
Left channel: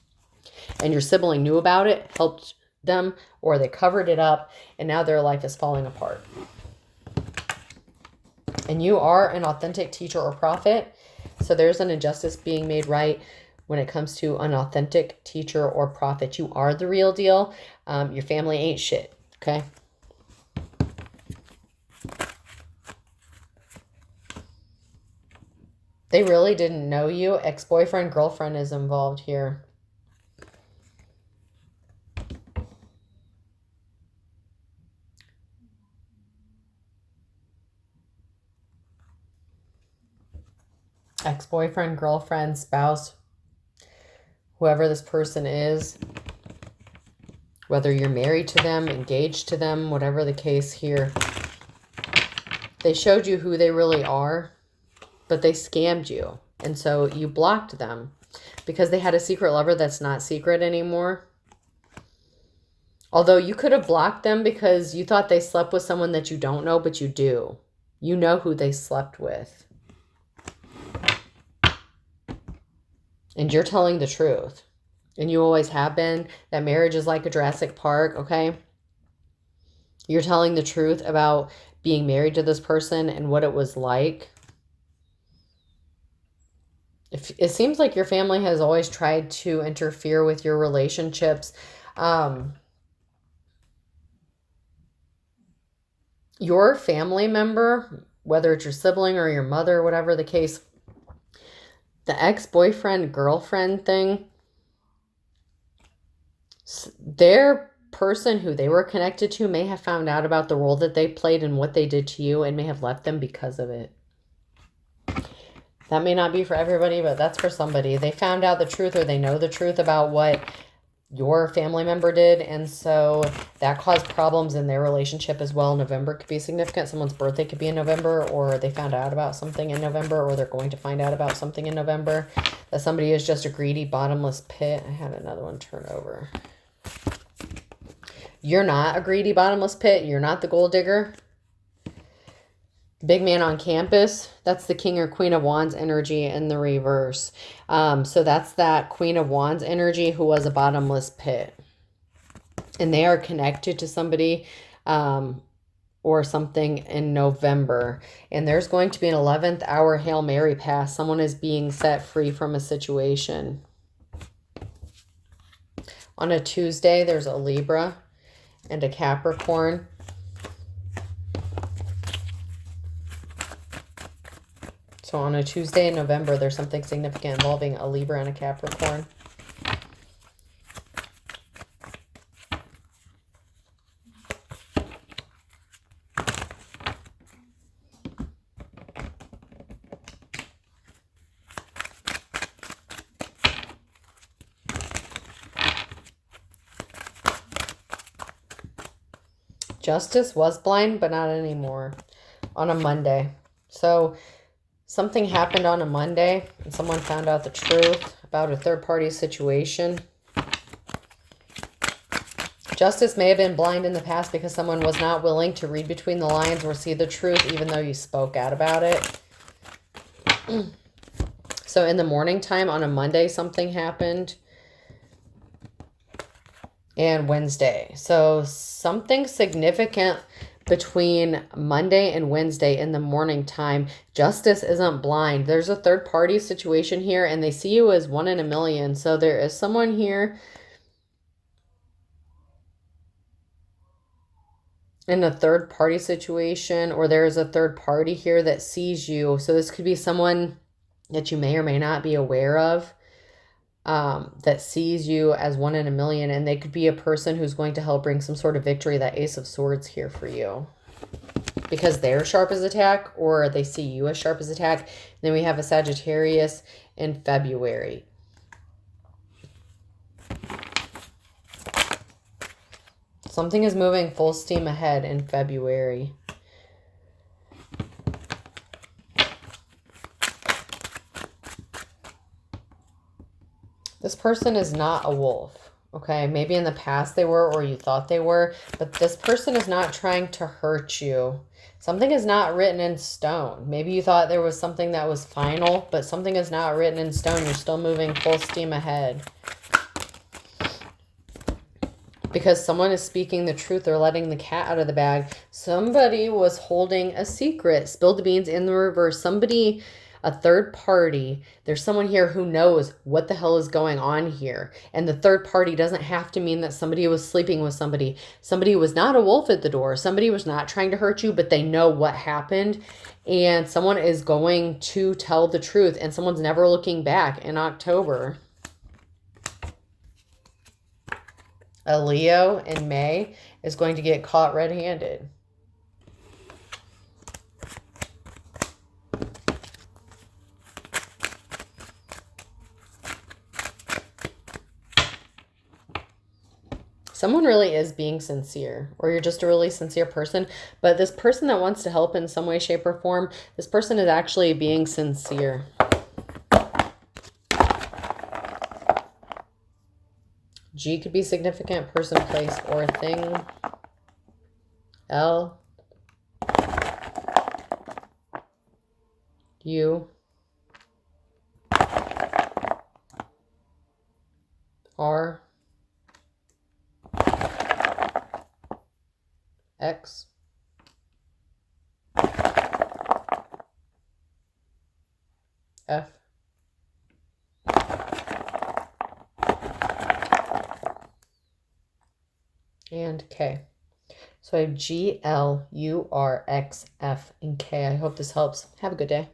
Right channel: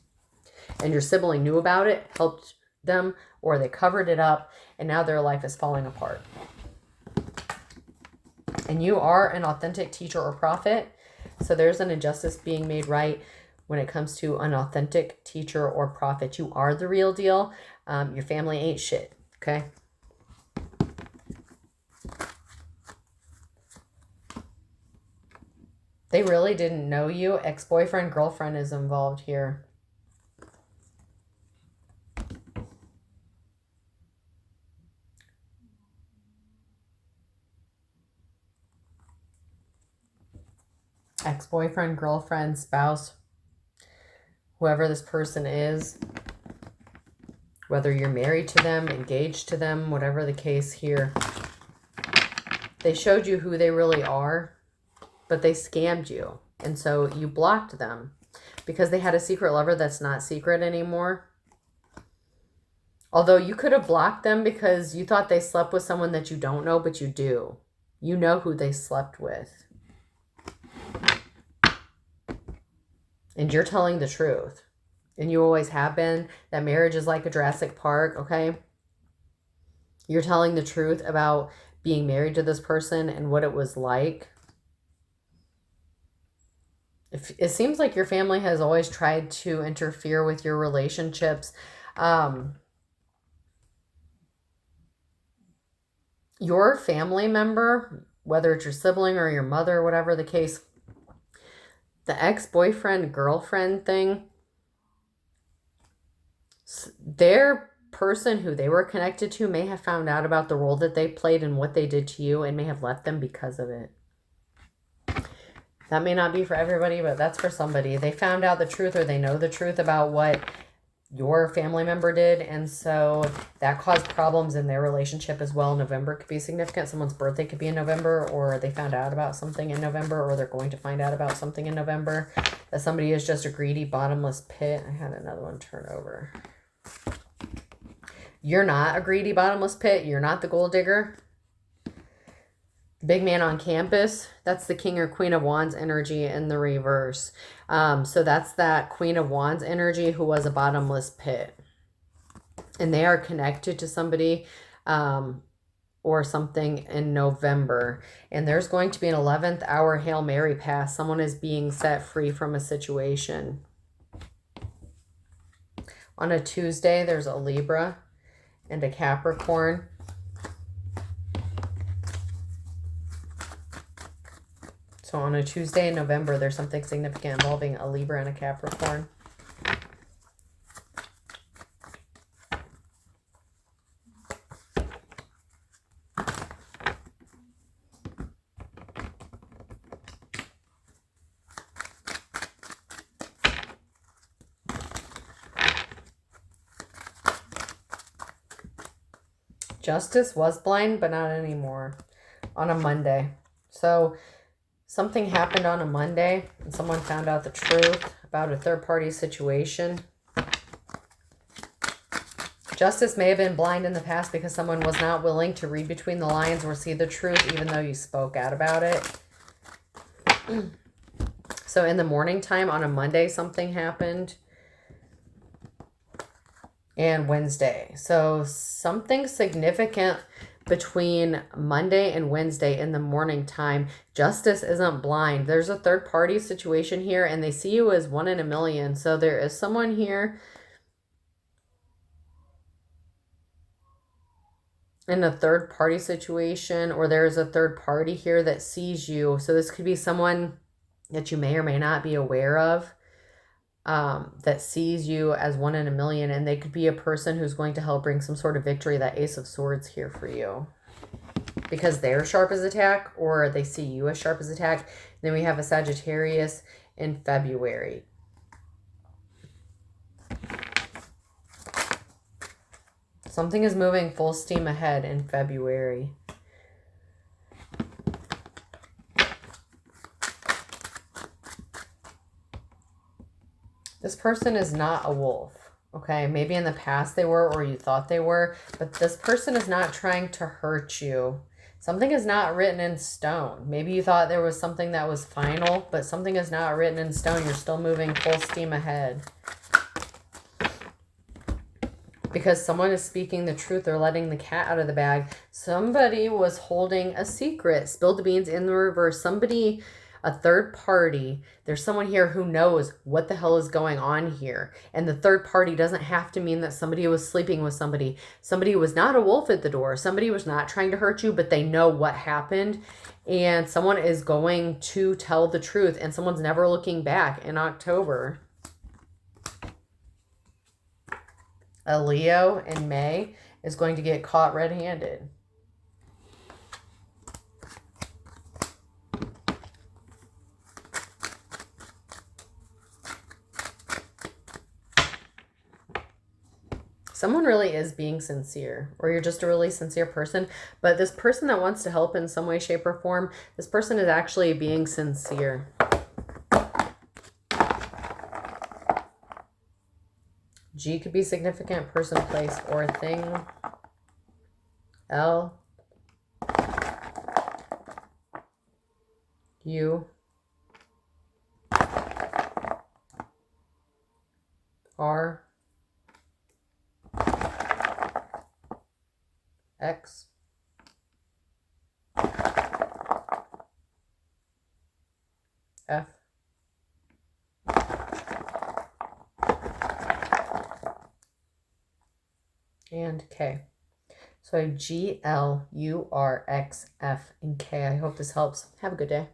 And your sibling knew about it, helped them, or they covered it up, and now their life is falling apart. And you are an authentic teacher or prophet. So there's an injustice being made right. when it comes to an authentic teacher or prophet. You are the real deal. Your family ain't shit, okay? They really didn't know you. Ex-boyfriend, girlfriend is involved here. Ex-boyfriend, girlfriend, spouse, whoever this person is, whether you're married to them, engaged to them, whatever the case here, they showed you who they really are, but they scammed you. And so you blocked them because they had a secret lover that's not secret anymore. Although you could have blocked them because you thought they slept with someone that you don't know, but you do. You know who they slept with. And you're telling the truth. And you always have been. That marriage is like a Jurassic Park, okay? You're telling the truth about being married to this person and what it was like. It seems like your family has always tried to interfere with your relationships. Your family member, whether it's your sibling or your mother, whatever the case, the ex-boyfriend, girlfriend thing, their person who they were connected to may have found out about the role that they played and what they did to you and may have left them because of it. That may not be for everybody, but that's for somebody. They found out the truth, or they know the truth about what your family member did, and so that caused problems in their relationship as well. November could be significant. Someone's birthday could be in November, or they found out about something in November, or they're going to find out about something in November. That somebody is just a greedy, bottomless pit. I had another one turn over. You're not a greedy, bottomless pit. You're not the gold digger. Big man on campus, that's the King or Queen of Wands energy in the reverse. So that's that Queen of Wands energy who was a bottomless pit. And they are connected to somebody or something in November. And there's going to be an 11th hour Hail Mary pass. Someone is being set free from a situation. On a Tuesday, there's a Libra and a Capricorn. So on a Tuesday in November, there's something significant involving a Libra and a Capricorn. Justice was blind, but not anymore. On a Monday. So something happened on a Monday and someone found out the truth about a third-party situation. Justice may have been blind in the past because someone was not willing to read between the lines or see the truth even though you spoke out about it. So in the morning time on a Monday, something happened. And Wednesday. So something significant between Monday and Wednesday in the morning time. Justice isn't blind. There's a third party situation here and they see you as 1 in a million. So there is someone here in a third party situation, or there is a third party here that sees you. So this could be someone that you may or may not be aware of. That sees you as 1 in a million, and they could be a person who's going to help bring some sort of victory, that Ace of Swords here for you, because they're sharp as attack, or they see you as sharp as attack. Then we have a Sagittarius in February. Something is moving full steam ahead in February. This person is not a wolf, okay? Maybe in the past they were, or you thought they were, but this person is not trying to hurt you. Something is not written in stone. Maybe you thought there was something that was final, but something is not written in stone. You're still moving full steam ahead. Because someone is speaking the truth. They're letting the cat out of the bag. Somebody was holding a secret. Spill the beans in the reverse. Somebody a third party. There's someone here who knows what the hell is going on here. And the third party doesn't have to mean that somebody was sleeping with somebody. Somebody was not a wolf at the door. Somebody was not trying to hurt you, but they know what happened. And someone is going to tell the truth. And someone's never looking back in October. A Leo in May is going to get caught red-handed. Someone really is being sincere, or you're just a really sincere person. But this person that wants to help in some way, shape, or form, this person is actually being sincere. G could be significant, person, place, or thing. L, U, R, X, F, and K. So I have G, L, U, R, X, F, and K. I hope this helps. Have a good day.